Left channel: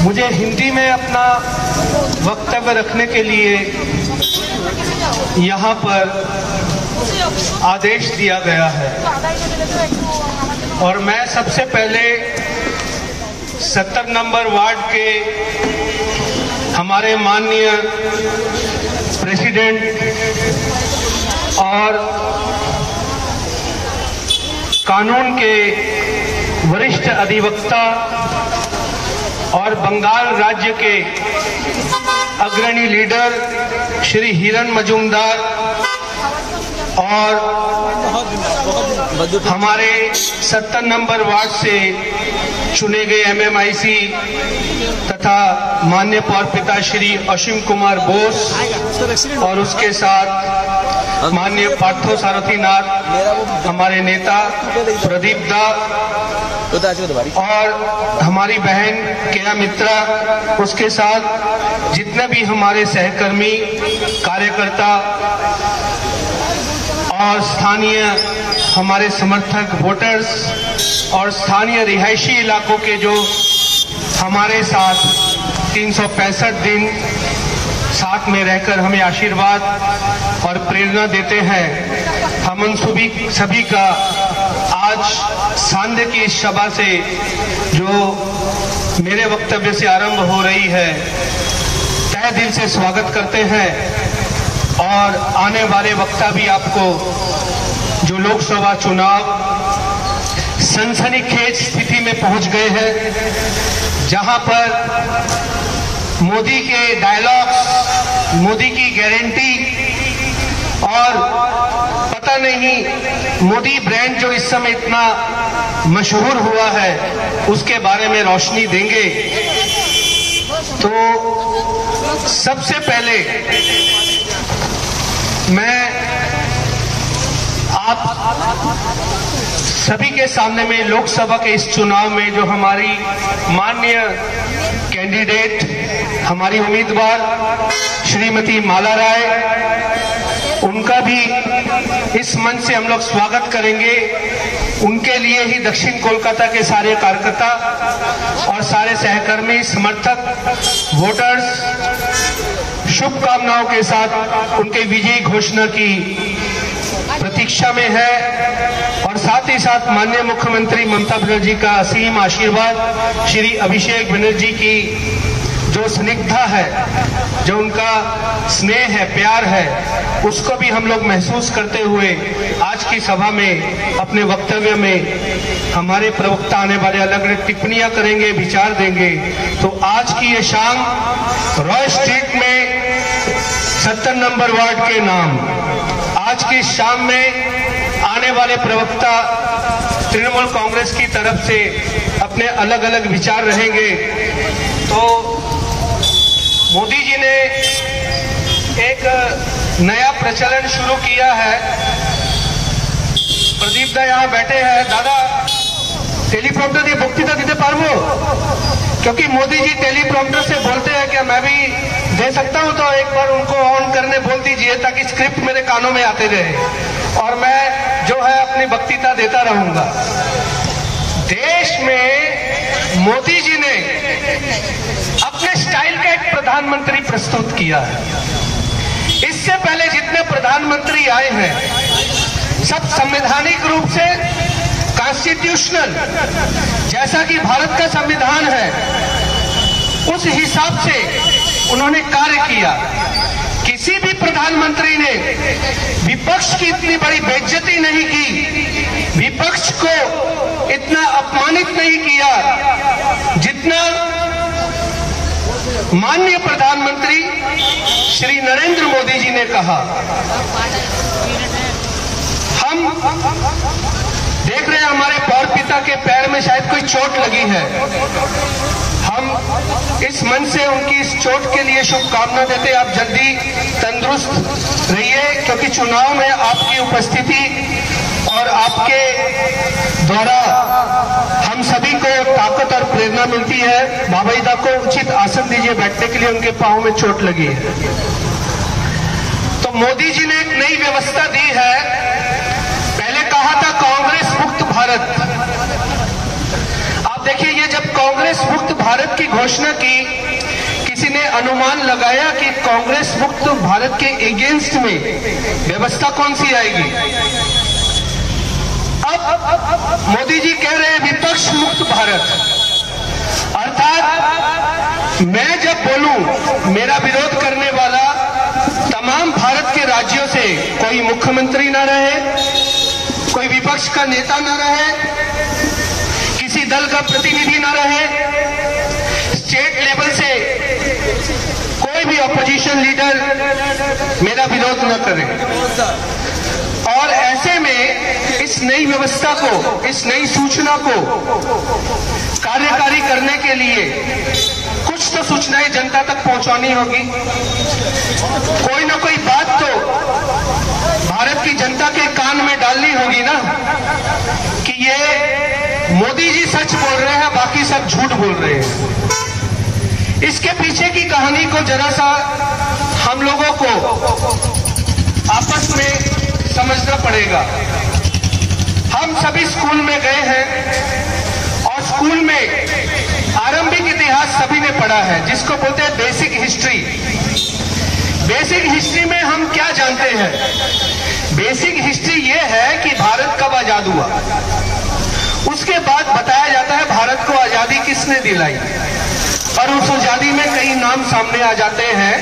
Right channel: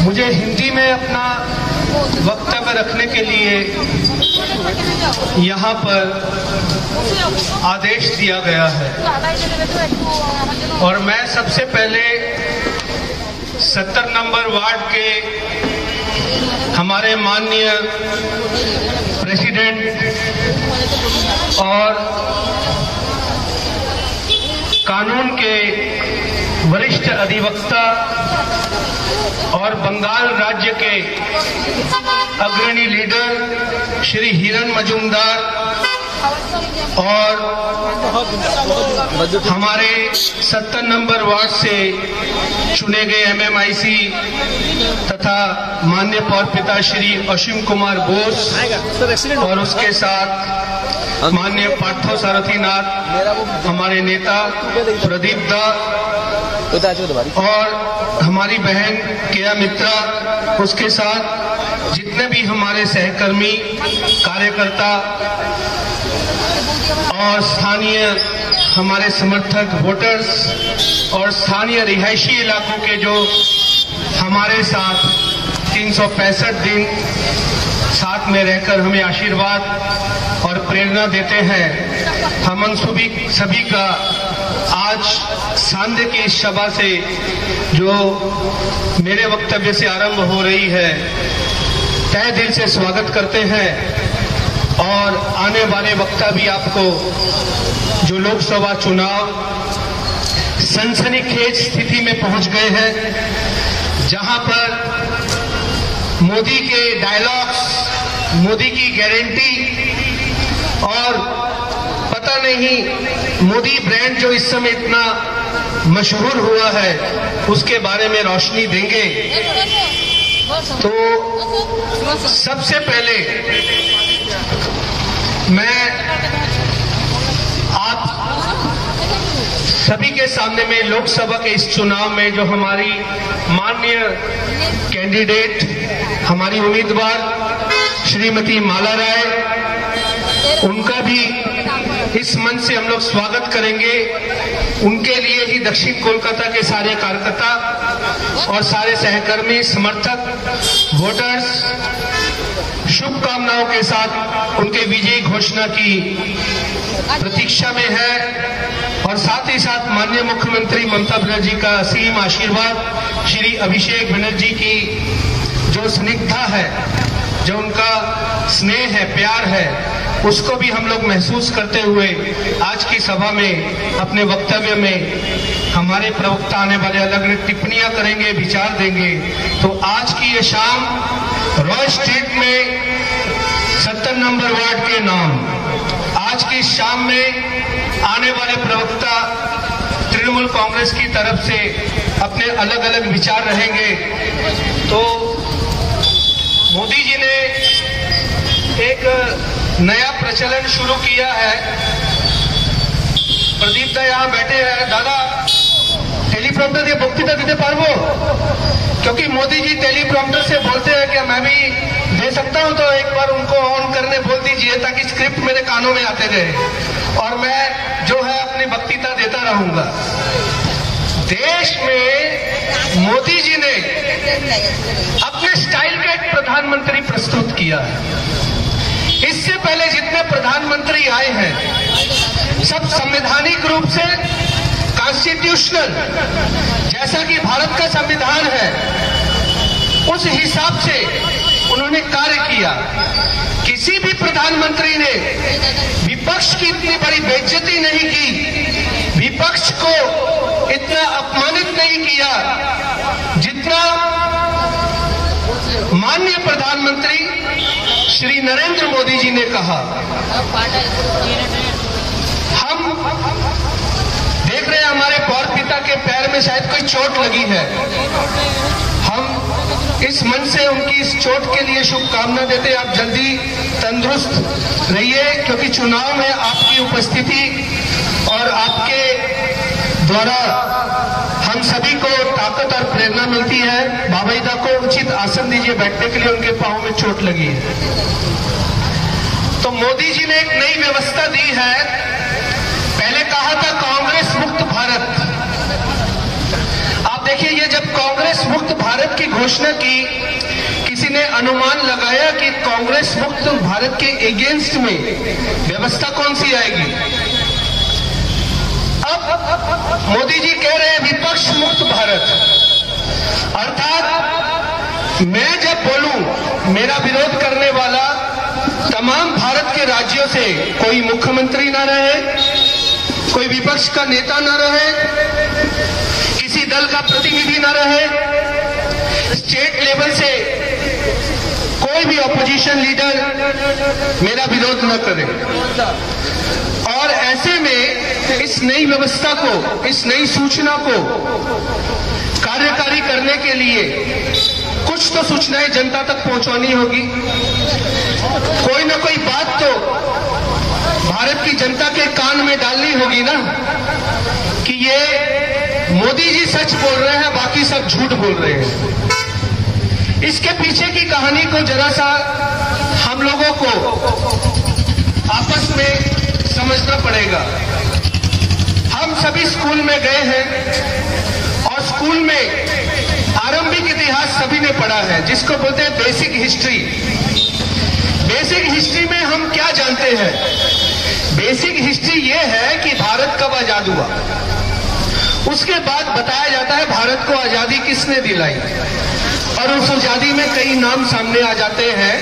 मुझे हिंदी में अपना वक्तव्य रखने के लिए यहाँ पर आदेश दिया गया है और मैं सबसे पहले 70 नंबर वार्ड के हमारे माननीय प्रेसिडेंट और कानून के वरिष्ठ अधिवक्ता और बंगाल राज्य के अग्रणी लीडर श्री हिरन मजूमदार और हमारे 70 नंबर वार्ड से चुने गए एमएमआईसी तथा माननीय पौर पिता श्री असीम कुमार बोस और उसके साथ माननीय पार्थो सारथीनाथ, हमारे नेता प्रदीप दा और हमारी बहन केया मित्रा, उसके साथ जितने भी हमारे सहकर्मी कार्यकर्ता और स्थानीय हमारे समर्थक वोटर्स और स्थानीय रिहायशी इलाकों के जो हमारे साथ 365 दिन साथ में रहकर हमें आशीर्वाद और प्रेरणा देते हैं, हम उन सभी का आज सांध्य की इस सभा से जो मेरे वक्तव्य से आरंभ हो रही है तहे दिल से स्वागत करते हैं। और आने वाले वक्ता भी आपको जो लोकसभा चुनाव सनसनीखेज स्थिति में पहुंच गए हैं, जहां पर मोदी के डायलॉग्स, मोदी की गारंटी और पता नहीं मोदी ब्रांड जो इस समय इतना मशहूर हुआ है उसके बारे में रोशनी देंगे। तो सबसे पहले मैं आप सभी के सामने में लोकसभा के इस चुनाव में जो हमारी माननीय कैंडिडेट, हमारी उम्मीदवार श्रीमती माला राय, उनका भी इस मंच से हम लोग स्वागत करेंगे। उनके लिए ही दक्षिण कोलकाता के सारे कार्यकर्ता और सारे सहकर्मी, समर्थक, वोटर्स शुभकामनाओं के साथ उनके विजयी घोषणा की प्रतीक्षा में है और साथ ही साथ माननीय मुख्यमंत्री ममता बनर्जी का असीम आशीर्वाद, श्री अभिषेक बनर्जी की जो स्निग्धता है, जो उनका स्नेह है, प्यार है, उसको भी हम लोग महसूस करते हुए आज की सभा में अपने वक्तव्य में हमारे प्रवक्ता आने वाले अलग अलग टिप्पणियां करेंगे, विचार देंगे। तो आज की ये शाम रॉय स्ट्रीट में 70 नंबर वार्ड के नाम, आज की शाम में आने वाले प्रवक्ता तृणमूल कांग्रेस की तरफ से अपने अलग अलग विचार रहेंगे। तो मोदी जी ने एक नया प्रचलन शुरू किया है। प्रदीप दा यहाँ बैठे हैं। दादा टेलीप्रॉम्प्टर की बक्तृता देते पारबो, क्योंकि मोदी जी टेलीप्रॉम्प्टर से बोलते हैं क्या मैं भी दे सकता हूं? तो एक बार उनको ऑन करने बोल दीजिए ताकि स्क्रिप्ट मेरे कानों में आते रहे और मैं जो है अपनी बक्तृता देता रहूंगा। देश में मोदी जी ने अपने स्टाइल का एक प्रधानमंत्री प्रस्तुत किया है। इससे पहले जितने प्रधानमंत्री आए हैं सब संवैधानिक रूप से कॉन्स्टिट्यूशनल, जैसा कि भारत का संविधान है उस हिसाब से उन्होंने कार्य किया। किसी भी प्रधानमंत्री ने विपक्ष की इतनी बड़ी बेइज्जती नहीं की, विपक्ष को इतना अपमानित नहीं किया जितना माननीय प्रधानमंत्री श्री नरेंद्र मोदी जी ने कहा। हम देख रहे हैं हमारे पौर पिता के पैर में शायद कोई चोट लगी है। हम इस मंच से उनकी इस चोट के लिए शुभकामना देते हैं। आप जल्दी तंदुरुस्त रहिए, क्योंकि चुनाव में आपकी उपस्थिति और आपके द्वारा हम सभी को ताकत और प्रेरणा मिलती है। बाबईदा को उचित आसन दीजिए बैठने के लिए, उनके पांव में चोट लगी है। तो मोदी जी ने एक नई व्यवस्था दी है। पहले कहा था कांग्रेस मुक्त भारत। आप देखिए, ये जब कांग्रेस मुक्त भारत की घोषणा घोषणा की, किसी ने अनुमान लगाया कि कांग्रेस मुक्त भारत के अगेंस्ट में व्यवस्था कौन सी आएगी? अब मोदी जी कह रहे हैं विपक्ष मुक्त भारत, अर्थात मैं जब बोलूं मेरा विरोध करने वाला तमाम भारत के राज्यों से कोई मुख्यमंत्री न रहे, कोई विपक्ष का नेता न रहे, किसी दल का प्रतिनिधि न रहे, स्टेट लेवल से कोई भी ऑपोजिशन लीडर मेरा विरोध न करे। और ऐसे में इस नई व्यवस्था को, इस नई सूचना को कार्यकारी करने के लिए कुछ तो सूचनाएं जनता तक पहुंचानी होगी। कोई ना कोई बात तो भारत की जनता के कान में डालनी होगी ना कि ये मोदी जी सच बोल रहे हैं, बाकी सब झूठ बोल रहे हैं। इसके पीछे की कहानी को जरा सा हम लोगों को आपस में समझना पड़ेगा। हम सभी स्कूल में गए हैं और स्कूल में आरंभिक इतिहास सभी ने पढ़ा है, जिसको बोलते हैं बेसिक हिस्ट्री। बेसिक हिस्ट्री में हम क्या जानते हैं? बेसिक हिस्ट्री ये है कि भारत कब आजाद हुआ, उसके बाद बताया जाता है भारत को आजादी किसने दिलाई, और उस आजादी में कई नाम सामने आ जाते हैं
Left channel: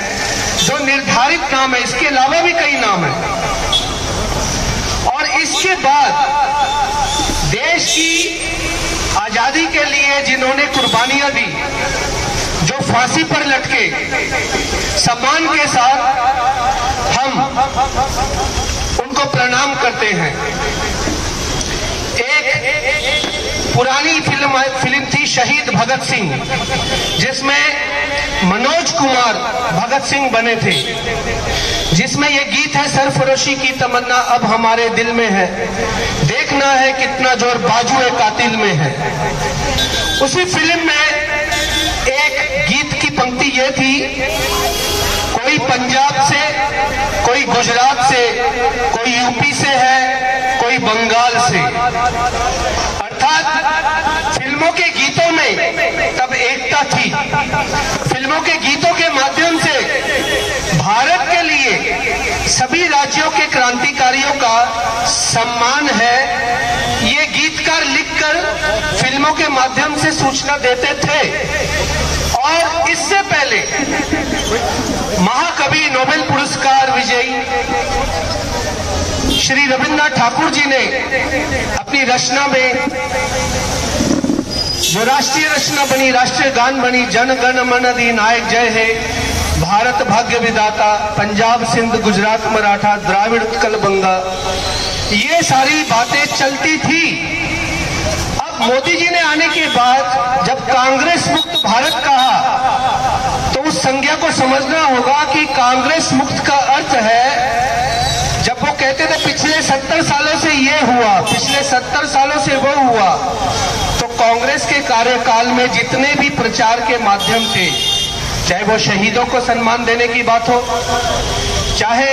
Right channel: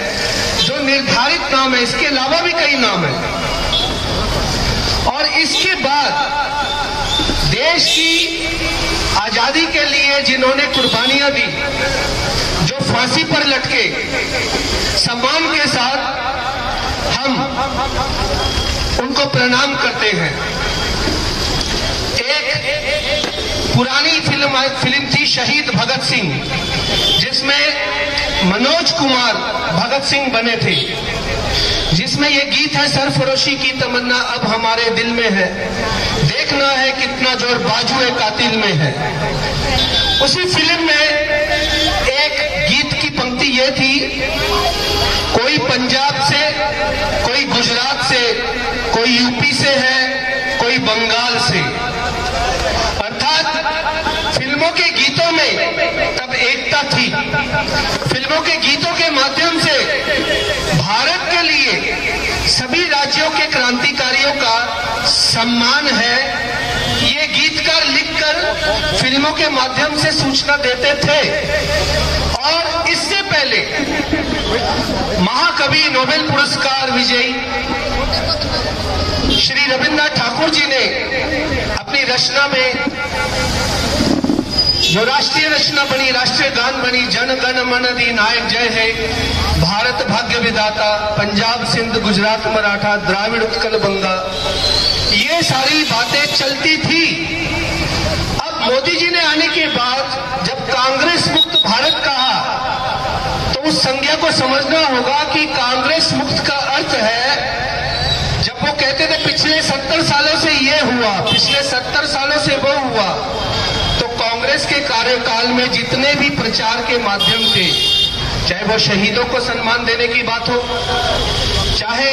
जो निर्धारित नाम है, इसके अलावा भी कई नाम है। और इसके बाद देश की आजादी के लिए जिन्होंने कुर्बानियां दी, जो फांसी पर लटके, सम्मान के साथ हम उनको प्रणाम करते हैं। एक पुरानी फिल्म थी शहीद भगत सिंह, जिसमें मनोज कुमार भगत सिंह बने थे, जिसमें ये गीत है सरफरोशी की तमन्ना अब हमारे दिल में है, देखना है कितना जोर बाजुए कातिल में है। उसी फिल्म में एक गीत की पंक्ति ये थी, कोई पंजाब से, कोई गुजरात से, कोई यूपी से है, कोई बंगाल से। अर्थात फिल्मों के गीतों में तब एकता थी। फिल्मों के गीतों के माध्यम से भारत के लिए सभी राज्यों के क्रांतिकारियों का सम्मान है, ये गीतकार लिखकर फिल्मों के माध्यम से सूचना देते थे। और इससे पहले महाकवि नोबेल पुरस्कार विजयी श्री रविन्द्रनाथ ठाकुर जी ने अपनी रचना में, जो राष्ट्रीय रचना बनी, राष्ट्रीय गान बनी, जन गण मन अधिनायक जय है, भारत भाग्य विधाता, पंजाब सिंध गुजरात मराठा द्राविड़ उत्कल बंगा, ये सारी बातें चलती थी। अब मोदी जी ने आने के बाद जब कांग्रेस मुक्त भारत कहा, तो उस संज्ञा को समझना होगा कि कांग्रेस मुक्त का अर्थ है, जब वो कहते थे पिछले 70 सालों से ये हुआ, पिछले 70 सालों से वो हुआ, तो कांग्रेस के कार्यकाल में जितने भी प्रचार के माध्यम थे, चाहे वो शहीदों को सम्मान देने की बात हो, चाहे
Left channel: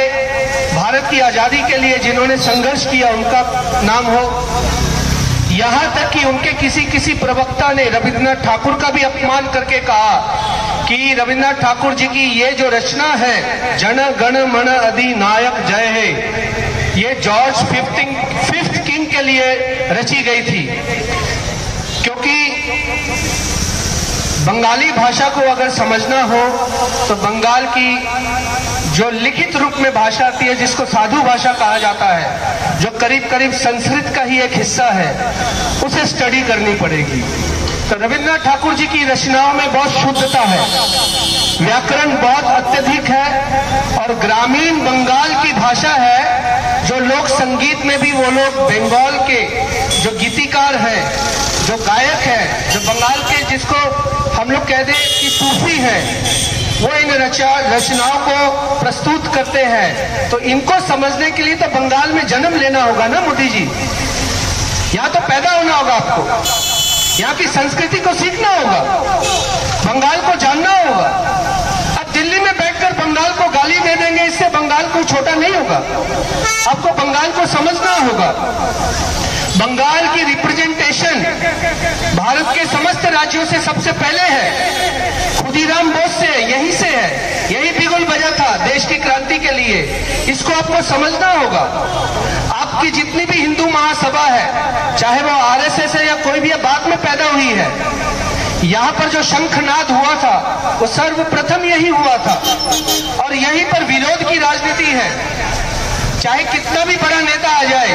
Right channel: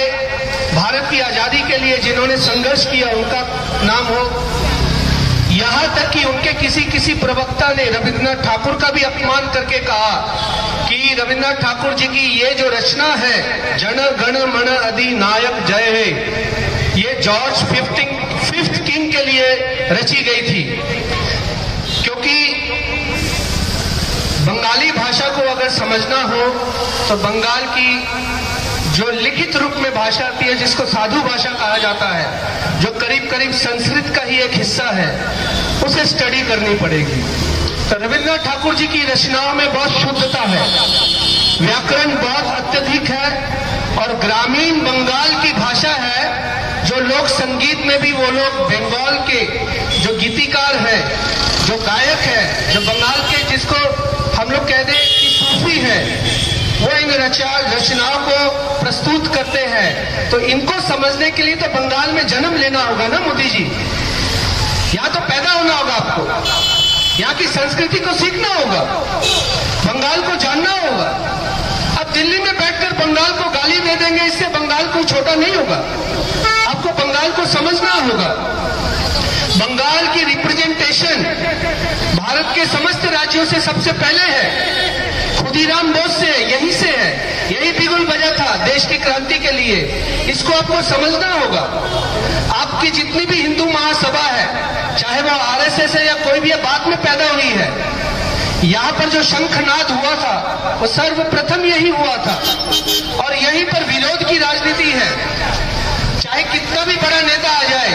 भारत की आजादी के लिए जिन्होंने संघर्ष किया उनका नाम हो, यहां तक कि उनके किसी प्रवक्ता ने रविन्द्रनाथ ठाकुर का भी अपमान करके कहा कि रविन्द्रनाथ ठाकुर जी की ये जो रचना है जन गण मन अधिनायक जय है, ये जॉर्ज फिफ्थ किंग के लिए रची गई थी। क्योंकि बंगाली भाषा को अगर समझना हो तो बंगाल की जो लिखित रूप में भाषा आती है, जिसको साधु भाषा कहा जाता है, जो करीब करीब संस्कृत का ही एक हिस्सा है, उसे स्टडी करनी पड़ेगी। तो रविन्द्रनाथ ठाकुर जी की रचनाओं में बहुत शुद्धता है, व्याकरण बहुत अत्यधिक है, और ग्रामीण बंगाल की भाषा है, जो लोक संगीत में भी वो लोग बंगाल के जो गीतिकार हैं, जो गायक है, जो बंगाल के जिसको हम लोग कह दें कि सूफी है, वो इन रचनाओं को प्रस्तुत करते हैं। तो इनको समझने के लिए तो बंगाल में जन्म लेना होगा ना मोदी जी, यहाँ तो पैदा होना होगा आपको, यहाँ की संस्कृति को सीखना होगा, बंगाल को जानना होगा। अब दिल्ली में बैठकर बंगाल को गाली दे देंगे, इससे बंगाल कोई छोटा नहीं होगा, आपको बंगाल को समझना होगा। बंगाल की रिप्रेजेंटेशन भारत के समस्त राज्यों से सबसे पहले है, खुदीराम बोस से, यहीं से है, यही बिगुल बजा था देश की क्रांति के लिए। इसको आपको समझना होगा। आपकी जितनी भी हिंदू महासभा है, चाहे वो आरएसएस है या कोई भी बाद में पैदा हुई है, यहाँ पर जो शंखनाद हुआ था वो सर्वप्रथम यही हुआ था और यहीं पर विरोध की राजनीति है। चाहे कितना भी बड़ा नेता आ जाए,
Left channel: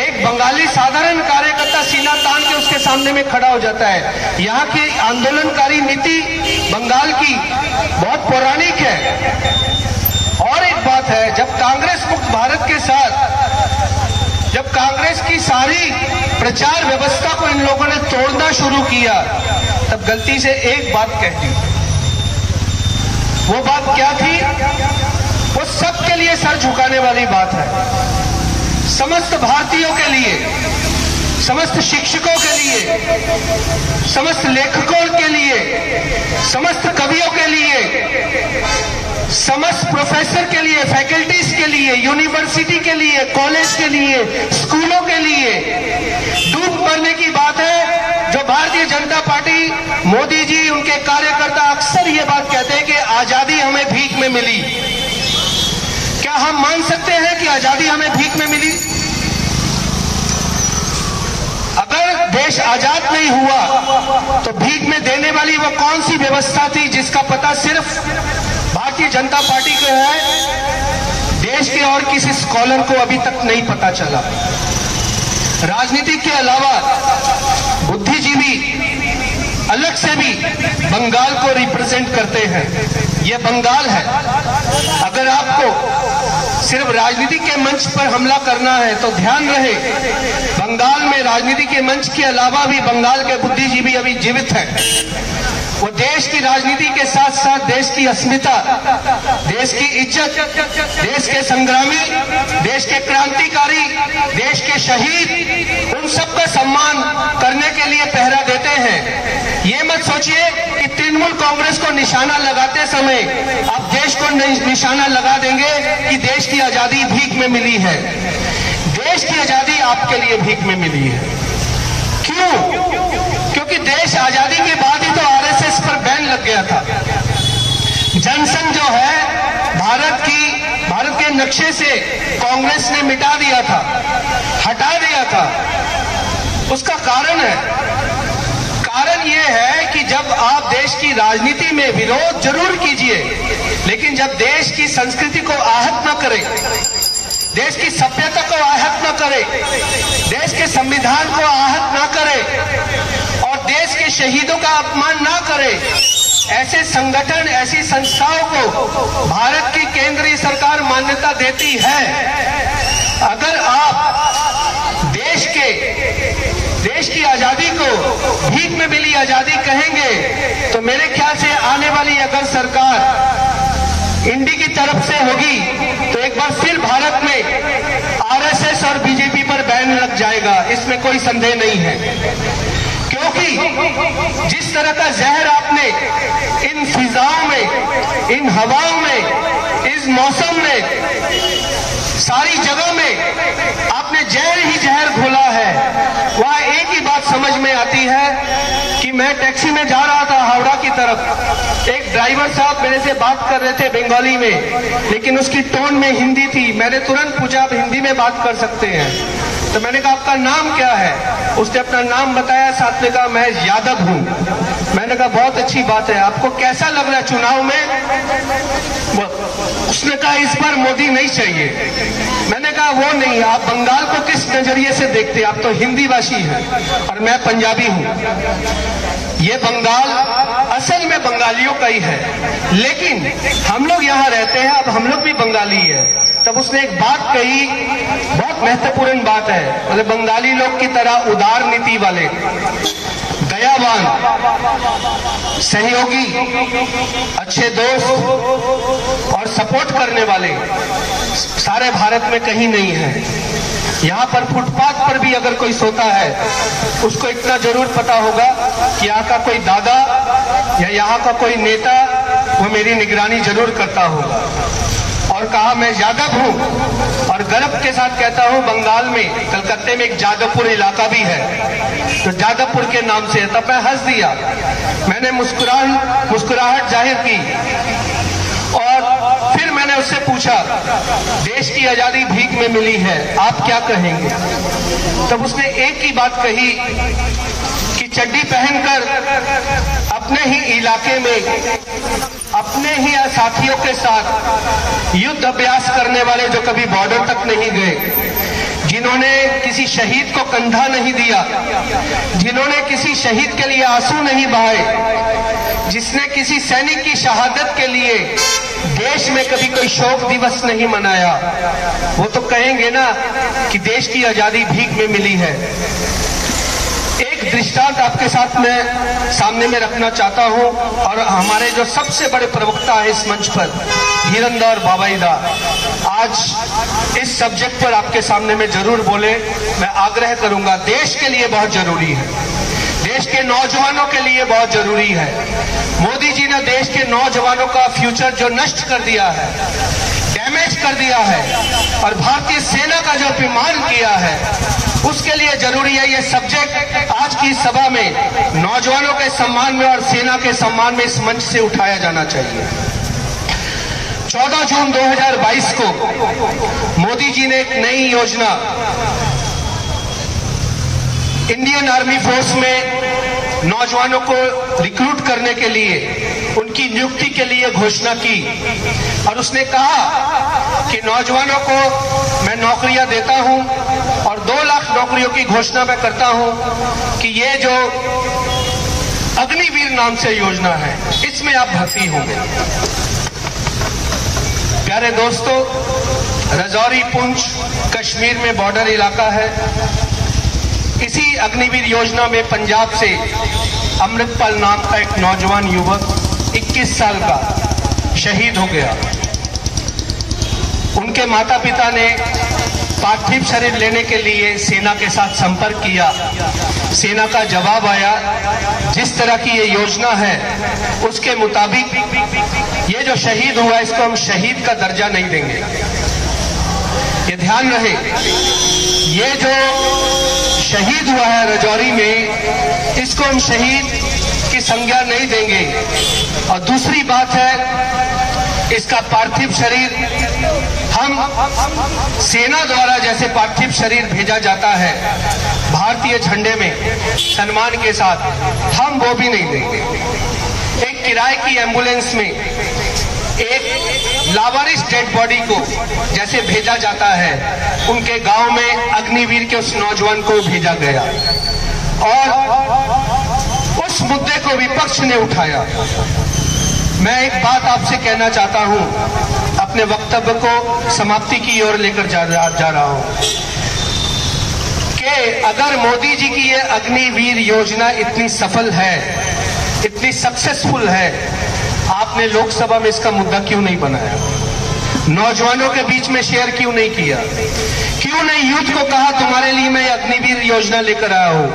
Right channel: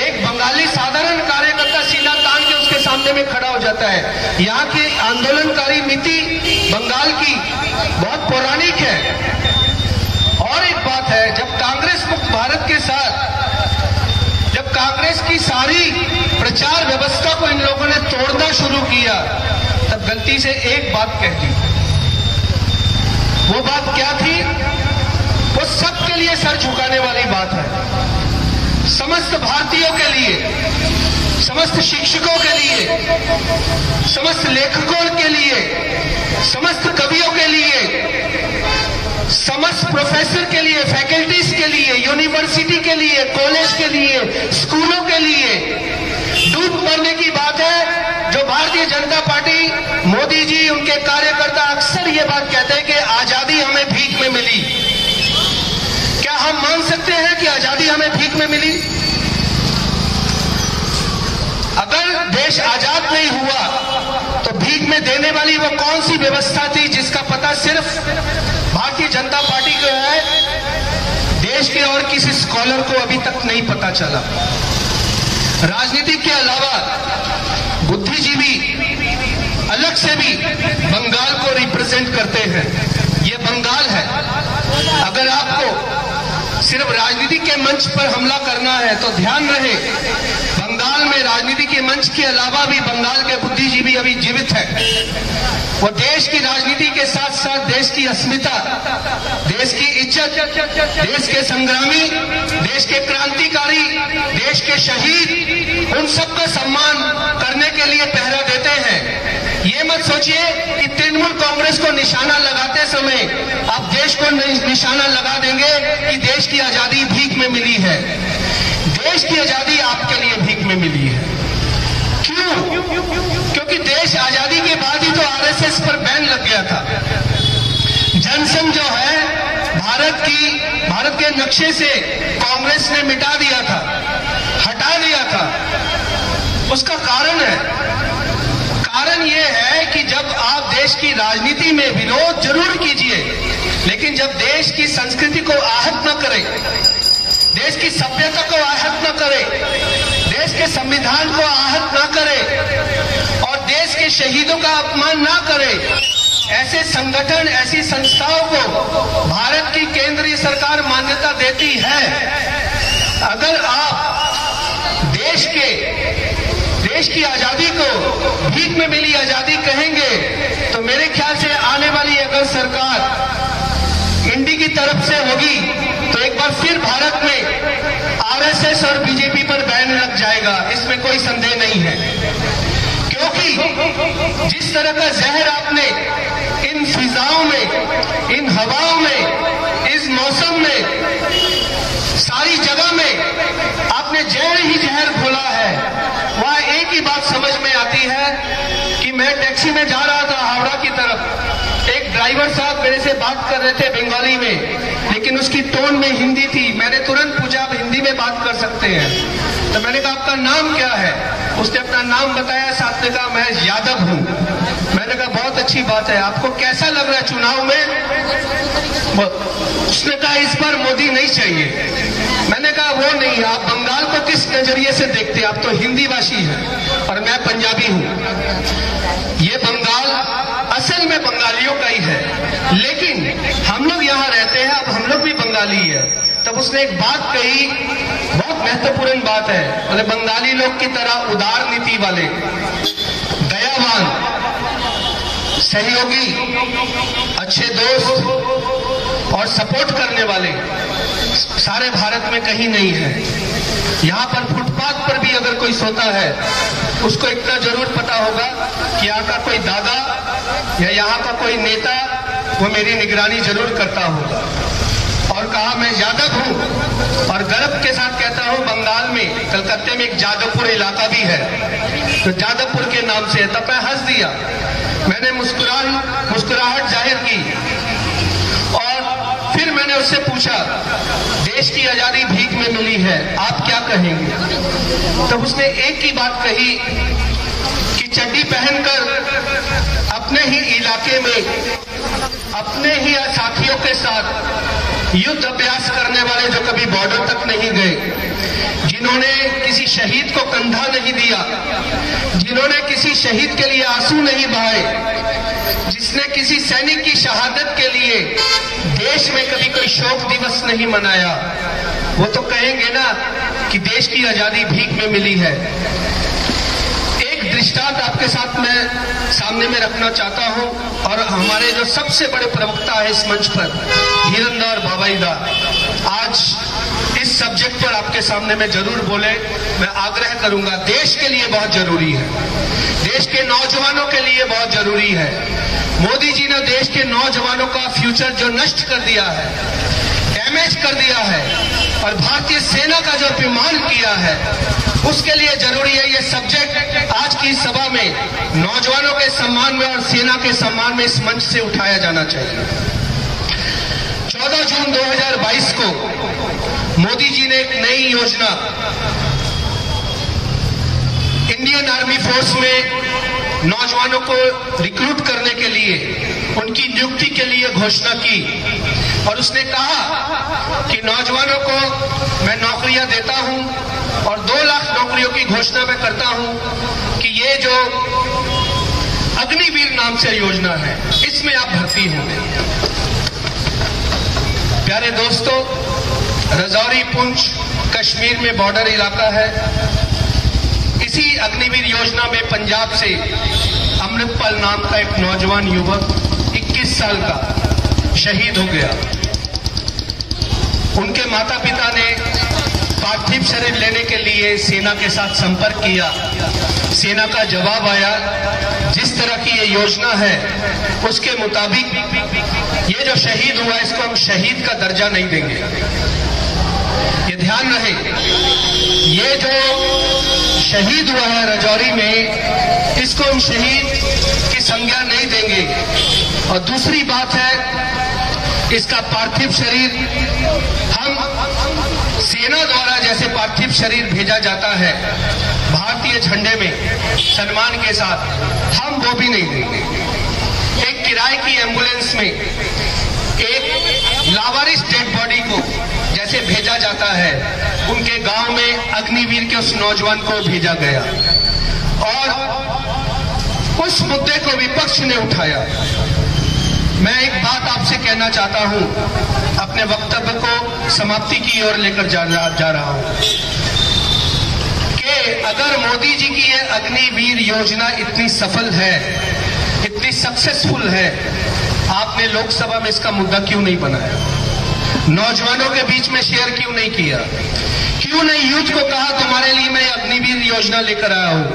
एक बंगाली साधारण कार्यकर्ता सीना तान के उसके सामने में खड़ा हो जाता है। यहाँ की आंदोलनकारी नीति बंगाल की बहुत पौराणिक है। और एक बात है, जब कांग्रेस मुक्त भारत के साथ, जब कांग्रेस की सारी प्रचार व्यवस्था को इन लोगों ने तोड़ना शुरू किया, तब गलती से एक बात कह दी। वो बात क्या थी? वो सबके लिए सर झुकाने वाली बात है। समस्त भारतीयों के लिए, समस्त शिक्षकों के लिए, समस्त लेखकों के लिए, समस्त कवियों के लिए, समस्त प्रोफेसर के लिए, फैकल्टीज के लिए, यूनिवर्सिटी के लिए, कॉलेज के लिए, स्कूलों के लिए डूब मरने की बात है। जो भारतीय जनता पार्टी, मोदी जी, उनके कार्यकर्ता अक्सर ये बात कहते हैं कि आजादी हमें भीख में मिली। क्या हम मान सकते हैं कि आजादी हमें भीख में मिली? अगर देश आजाद नहीं हुआ तो भीख में देने वाली वो कौन सी व्यवस्था थी जिसका पता सिर्फ भारतीय जनता पार्टी को है? देश के और किसी स्कॉलर को अभी तक नहीं पता चला। राजनीति के अलावा बुद्धिजीवी अलग से भी बंगाल को रिप्रेजेंट करते हैं। ये बंगाल है। अगर आपको सिर्फ राजनीति के मंच पर हमला करना है तो ध्यान रहे, बंगाल में राजनीति के मंच के अलावा भी बंगाल के बुद्धिजीवी अभी जीवित हैं। वो देश की राजनीति के साथ साथ देश की अस्मिता, देश की इज्जत, देश के संग्रामी, देश के क्रांतिकारी, देश के शहीद, उन सबका सम्मान करने के लिए पहरा देते हैं। ये मत सोचिए कि तृणमूल कांग्रेस को निशाना लगाते समय आप देश को निशाना लगा देंगे कि देश की आजादी भीख में मिली है। देश की आजादी आपके लिए भीख में मिली है। क्यों? क्योंकि देश आजादी के बाद ही तो आरएसएस पर बैन लग गया था। जनसंघ जो है भारत के नक्शे से कांग्रेस ने मिटा दिया था, हटा दिया था। उसका कारण यह है कि जब आप देश की राजनीति में विरोध जरूर कीजिए, लेकिन जब देश की संस्कृति को आहत न करें, देश की सभ्यता को आहत न करें, देश के संविधान को आहत न करें और देश के शहीदों का अपमान न करें, ऐसे संगठन, ऐसी संस्थाओं को भारत की केंद्रीय सरकार मान्यता देती है। अगर आप देश की आजादी को भीख में मिली आजादी कहेंगे तो मेरे ख्याल से आने वाली अगर सरकार इंडी की तरफ से होगी तो एक बार फिर भारत में आरएसएस और बीजेपी पर बैन लग जाएगा। इसमें कोई संदेह नहीं है, क्योंकि जिस तरह का जहर आपने इन फिजाओं में, इन हवाओं में, इस मौसम में, सारी जगह में आपने जहर ही जहर घोला है। वहां एक ही बात समझ में आती है कि मैं टैक्सी में जा रहा था हावड़ा की तरफ, एक ड्राइवर साहब मेरे से बात कर रहे थे बंगाली में, लेकिन उसकी टोन में हिंदी थी। मैंने तुरंत पूछा, आप हिंदी में बात कर सकते हैं? तो मैंने कहा आपका नाम क्या है? उसने अपना नाम बताया, साथ में कहा मैं यादव हूं। मैंने कहा बहुत अच्छी बात है, आपको कैसा लग रहा है चुनाव में? उसने कहा इस बार मोदी नहीं चाहिए। मैंने कहा वो नहीं, आप बंगाल को किस नजरिए से देखते हैं? आप तो हिंदी भाषी हैं और मैं पंजाबी हूं। ये बंगाल असल में बंगालियों का ही है, लेकिन हम लोग यहाँ रहते हैं, अब हम लोग भी बंगाली है। तब उसने एक बात कही, बहुत महत्वपूर्ण बात है, मतलब बंगाली लोग की तरह उदार नीति वाले, दयावान, सहयोगी, अच्छे दोस्त और सपोर्ट करने वाले सारे भारत में कहीं नहीं है। यहाँ पर फुटपाथ पर भी अगर कोई सोता है, उसको इतना जरूर पता होगा कि यहाँ का कोई दादा या यहाँ का कोई नेता वो मेरी निगरानी जरूर करता होगा। और कहा मैं यादव हूं, और गर्व के साथ कहता हूं बंगाल में कलकत्ते में एक जादवपुर इलाका भी है, तो जादवपुर के नाम से है। तब मैं हंस दिया, मैंने मुस्कुराहट जाहिर की, और फिर मैंने उससे पूछा देश की आजादी भीख में मिली है, आप क्या कहेंगे? तब उसने एक ही बात कही कि चड्डी पहनकर अपने ही इलाके में अपने ही साथियों के साथ युद्ध अभ्यास करने वाले जो कभी बॉर्डर तक नहीं गए, जिन्होंने किसी शहीद को कंधा नहीं दिया, जिन्होंने किसी शहीद के लिए आंसू नहीं बहाए, जिसने किसी सैनिक की शहादत के लिए देश में कभी कोई शोक दिवस नहीं मनाया, वो तो कहेंगे ना कि देश की आजादी भीख में मिली है। एक दृष्टांत आपके साथ मैं सामने में रखना चाहता हूं, और हमारे जो सबसे बड़े प्रवक्ता है इस मंच पर, धीरंधर बाबाईदा, आज इस सब्जेक्ट पर आपके सामने में जरूर बोले। मैं आग्रह करूंगा, देश के लिए बहुत जरूरी है, देश के नौजवानों के लिए बहुत जरूरी है। मोदी जी ने देश के नौजवानों का फ्यूचर जो नष्ट कर दिया है, डैमेज कर दिया है, और भारतीय सेना का जो अपमान किया है, उसके लिए जरूरी है ये सब्जेक्ट आज की सभा में नौजवानों के सम्मान में और सेना के सम्मान में इस मंच से उठाया जाना चाहिए। 14 जून 2022 को मोदी जी ने एक नई योजना इंडियन आर्मी फोर्स में नौजवानों को रिक्रूट करने के लिए, उनकी नियुक्ति के लिए घोषणा की, और उसने कहा कि नौजवानों को मैं नौकरियां देता हूं और 2 लाख नौकरियों की घोषणा मैं करता हूं कि ये जो अग्निवीर नाम से योजना है इसमें आप भर्ती होंगे। प्यारे दोस्तों, राजौरी पुंछ कश्मीर में बॉर्डर इलाका है। इसी अग्निवीर योजना में पंजाब से अमृतपाल नाम का एक नौजवान युवक 21 साल का शहीद हो गया। उनके माता पिता ने पार्थिव शरीर लेने के लिए सेना के साथ संपर्क किया। सेना का जवाब आया, जिस तरह की ये योजना है उसके मुताबिक ये जो शहीद हुआ इसको हम शहीद का दर्जा नहीं देंगे। ये ध्यान रहे, ये जो शहीद हुआ है राजौरी में, इसको हम शहीद की संज्ञा नहीं देंगे। और दूसरी बात है, इसका पार्थिव शरीर हम सेना द्वारा जैसे पार्थिव शरीर भेजा जाता है भारतीय झंडे में सम्मान के साथ, हम वो भी नहीं देंगे। एक किराए की एम्बुलेंस में एक लावारिस डेड बॉडी को जैसे भेजा जाता है, उनके गांव में अग्निवीर के उस नौजवान को भेजा गया, और उस मुद्दे को विपक्ष ने उठाया। मैं एक बात आपसे कहना चाहता हूं, अपने वक्तव्य को समाप्ति की ओर लेकर जा रहा हूं, कि अगर मोदी जी की ये अग्निवीर योजना इतनी सफल है, इतनी सक्सेसफुल है, आपने लोकसभा में इसका मुद्दा क्यों नहीं बनाया? नौजवानों के बीच में शेयर क्यों नहीं किया? क्यों नहीं यूथ को कहा तुम्हारे लिए मैं अग्निवीर योजना लेकर आया हूं?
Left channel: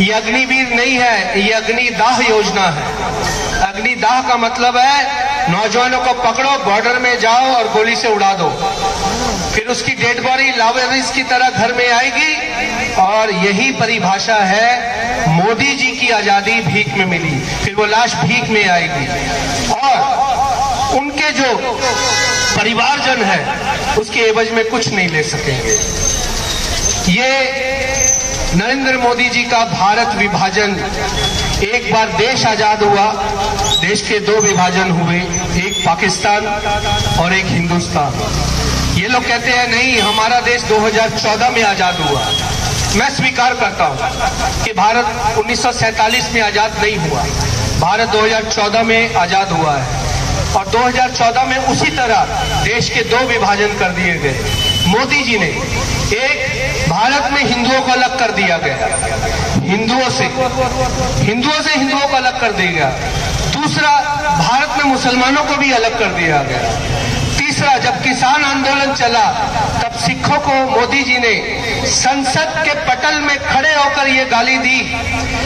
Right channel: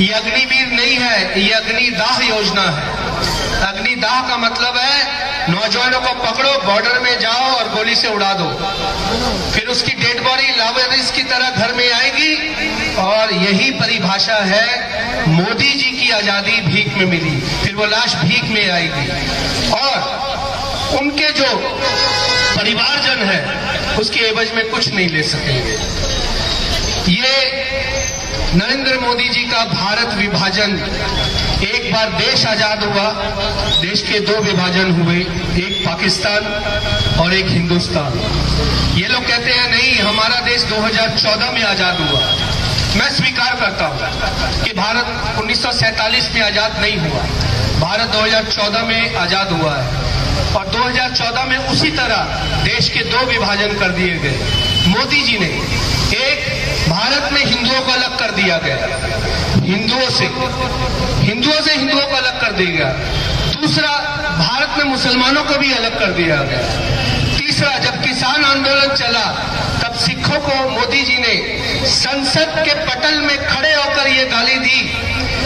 ये अग्निवीर नहीं है, ये अग्निदाह योजना है। अग्निदाह का मतलब है नौजवानों को पकड़ो, बॉर्डर में जाओ और गोली से उड़ा दो, फिर उसकी डेड बॉडी लावारिस की तरह घर में आएगी, और यही परिभाषा है मोदी जी की आजादी भीख में मिली, फिर वो लाश भीख में आएगी, और उनके जो परिवारजन है उसके एवज में कुछ नहीं ले सकेंगे। ये नरेंद्र मोदी जी का भारत विभाजन, एक बार देश आजाद हुआ, देश के 2 विभाजन हुए, एक पाकिस्तान और एक हिंदुस्तान। ये लोग कहते हैं नहीं, हमारा देश 2014 में आजाद हुआ। मैं स्वीकार करता हूं कि भारत 1947 में आजाद नहीं हुआ, भारत 2014 में आजाद हुआ है, और 2014 में उसी तरह देश के 2 विभाजन कर दिए गए। मोदी जी ने एक, भारत में हिंदुओं को अलग कर दिया गया, हिंदुओं से हिंदुओं को अलग कर दिया गया। दूसरा, भारत में मुसलमानों को भी अलग कर दिया गया। तीसरा, जब किसान आंदोलन चला तब सिखों को मोदी जी ने संसद के पटल में खड़े होकर ये गाली दी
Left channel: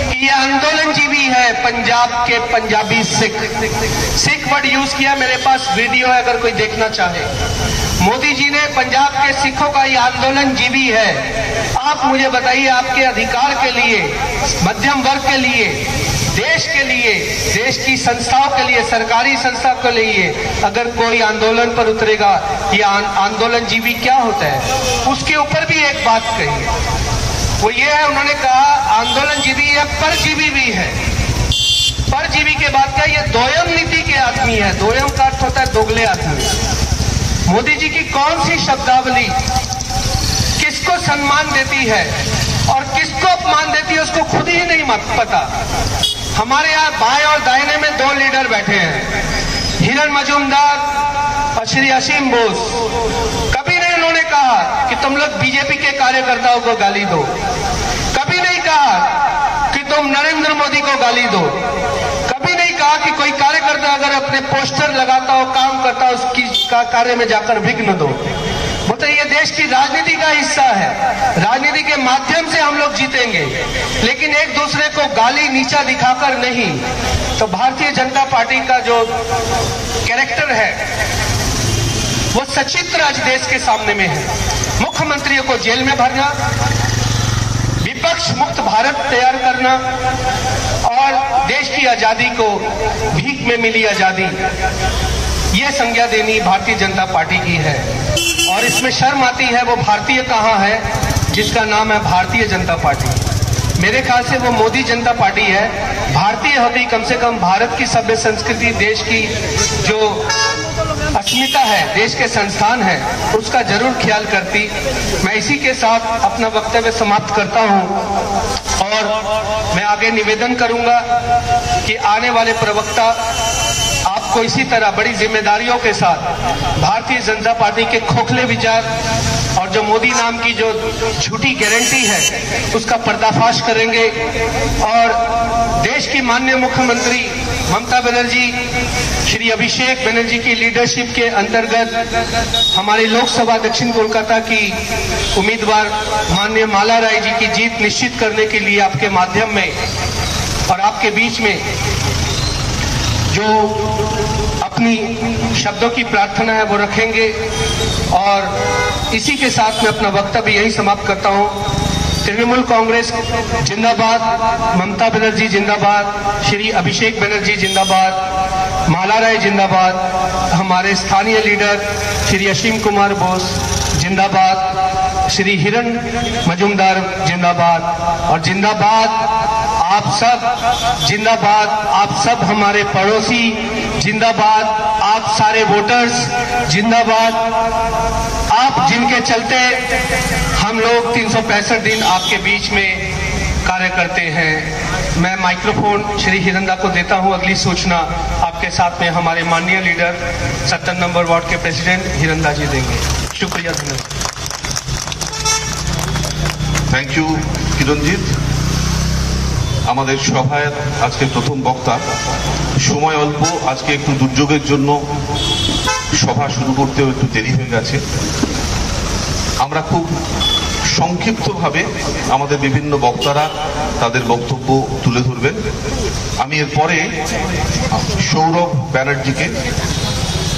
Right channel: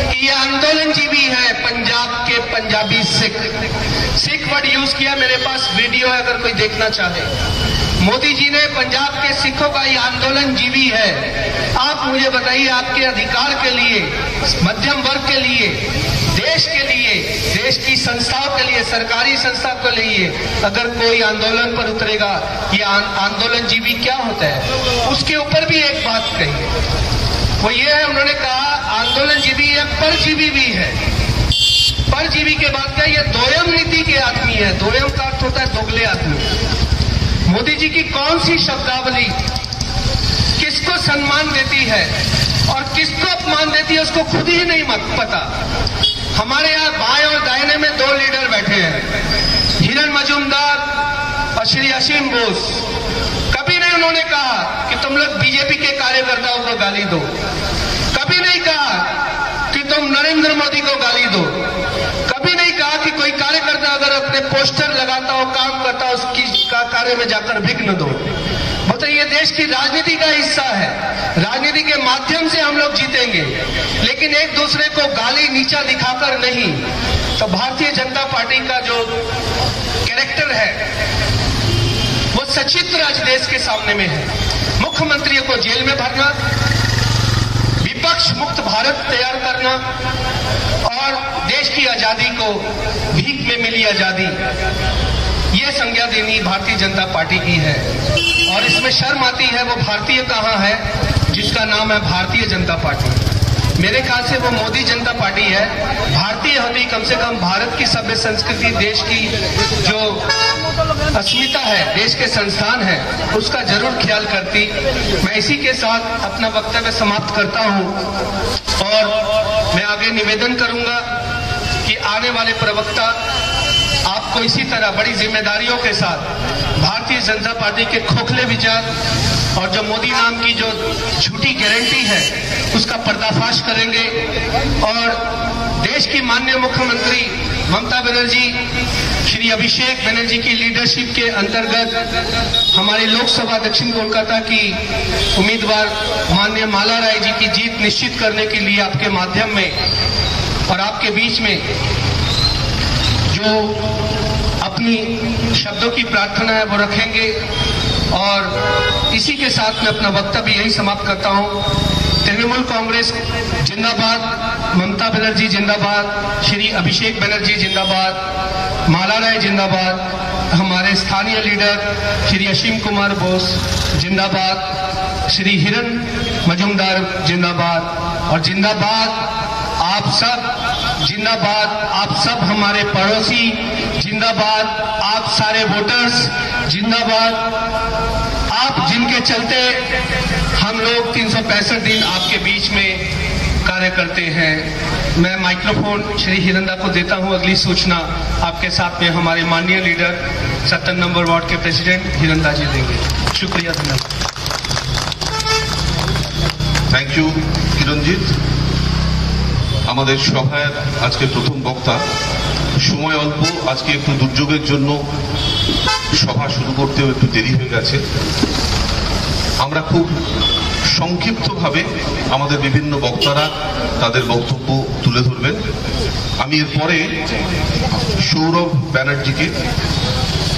कि ये आंदोलनजीवी है पंजाब के पंजाबी सिख वर्ड यूज किया। मेरे पास वीडियो है अगर कोई देखना चाहे। मोदी जी ने पंजाब के सिखों का ये आंदोलनजीवी है। आप मुझे बताइए, आपके अधिकार के लिए, मध्यम वर्ग के लिए, देश के लिए, देश की संस्थाओं के लिए, सरकारी संस्था के लिए अगर कोई आंदोलन पर उतरेगा, ये आंदोलनजीवी क्या होता है? उसके ऊपर भी एक बात कही, वो ये है, उन्होंने कहा आंदोलनजीवी या परजीवी भी है। परजीवी के बाद क्या, ये दोयम नीति के आदमी है। दोयम का अर्थ होता है दोगले आदमी। मोदी जी की कौन सी शब्दावली किसको सम्मान देती है और किसको अपमान देती है, उसको खुद ही नहीं पता। हमारे यहाँ बाएं और दाहिने में दो लीडर बैठे हैं, हिरण मजूमदार और श्री असीम बोस। कभी नहीं उन्होंने कहा कि तुम लोग बीजेपी के कार्यकर्ताओं को गाली दो। कभी नहीं कहा कि तुम नरेंद्र मोदी को गाली दो। कभी नहीं कहा कि कोई कार्यकर्ता अगर अपने पोस्टर लगाता हो, काम करता हो, उसकी कार्य में जाकर विघ्न दो। तो ये देश की राजनीति का हिस्सा है। राजनीति के माध्यम से हम लोग जीतेंगे, लेकिन एक दूसरे को गाली नीचा दिखाकर नहीं। तो भारतीय जनता पार्टी का जो कैरेक्टर है वो सचित्र आज देश के सामने में है। मुख्यमंत्रियों को जेल में भरना, विपक्ष मुक्त भारत तैयार करना और देश की आजादी को भीख में मिली आजादी, ये संज्ञा देनी भारतीय जनता पार्टी की है। और इसमें शर्म आती है, वो भारतीय कहाँ है जिसका नाम है भारतीय जनता पार्टी। मेरे ख्याल से वो मोदी जनता पार्टी है। भारतीय होती कम से कम भारत की सभ्य संस्कृति, देश की जो अस्मिता है, देश के संस्थान है, उसका जरूर ख्याल करती। मैं इसी के साथ अपना वक्तव्य समाप्त करता हूं और मैं आगे निवेदन करूंगा कि आने वाले प्रवक्ता आपको इसी तरह बड़ी जिम्मेदारियों के साथ भारतीय जनता पार्टी के खोखले विचार और जो मोदी नाम की जो झूठी गारंटी है उसका पर्दाफाश करेंगे और देश की माननीय मुख्यमंत्री ममता बनर्जी, श्री अभिषेक बनर्जी की लीडरशिप के अंतर्गत हमारे लोकसभा दक्षिण कोलकाता की उम्मीदवार माननीय माला राय जी की जीत निश्चित करने के लिए आपके माध्यम में और आपके बीच में जो अपनी शब्दों की प्रार्थना है वो रखेंगे। और इसी के साथ मैं अपना वक्तव्य यही समाप्त करता हूं। तृणमूल कांग्रेस जिंदाबाद, ममता बनर्जी जिंदाबाद, श्री अभिषेक बनर्जी जिंदाबाद, माला राय जिंदाबाद, हमारे स्थानीय लीडर श्री अश्विन कुमार बोस जिंदाबाद, श्री हिरण मजूमदार जिंदाबाद और जिंदाबाद आप सब, जिंदाबाद आप सब हमारे पड़ोसी, जिंदाबाद आप सारे वोटर्स, जिंदाबाद आप जिनके चलते हम लोग 365 दिन आपके बीच में कार्य करते हैं। मैं माइक्रोफोन श्री हिरंदा को देता हूं। अगली सूचना आपके साथ में हमारे माननीय लीडर 70 नंबर वार्ड के प्रेसिडेंट हिरंदा जी देंगे। शुक्रिया, धन्यवाद। Thank you Kiranjit. আমাদের সভায় আজকে প্রথম বক্তা, সময় অল্প, আজকে একটু দুর্যোগের জন্য সভা শুরু করতেও একটু দেরি হয়ে গেছে। আমরা খুব সংক্ষিপ্তভাবে আমাদের বিভিন্ন বক্তারা তাদের বক্তব্য তুলে ধরবেন। আমি এরপরে সৌরভ ব্যানার্জিকে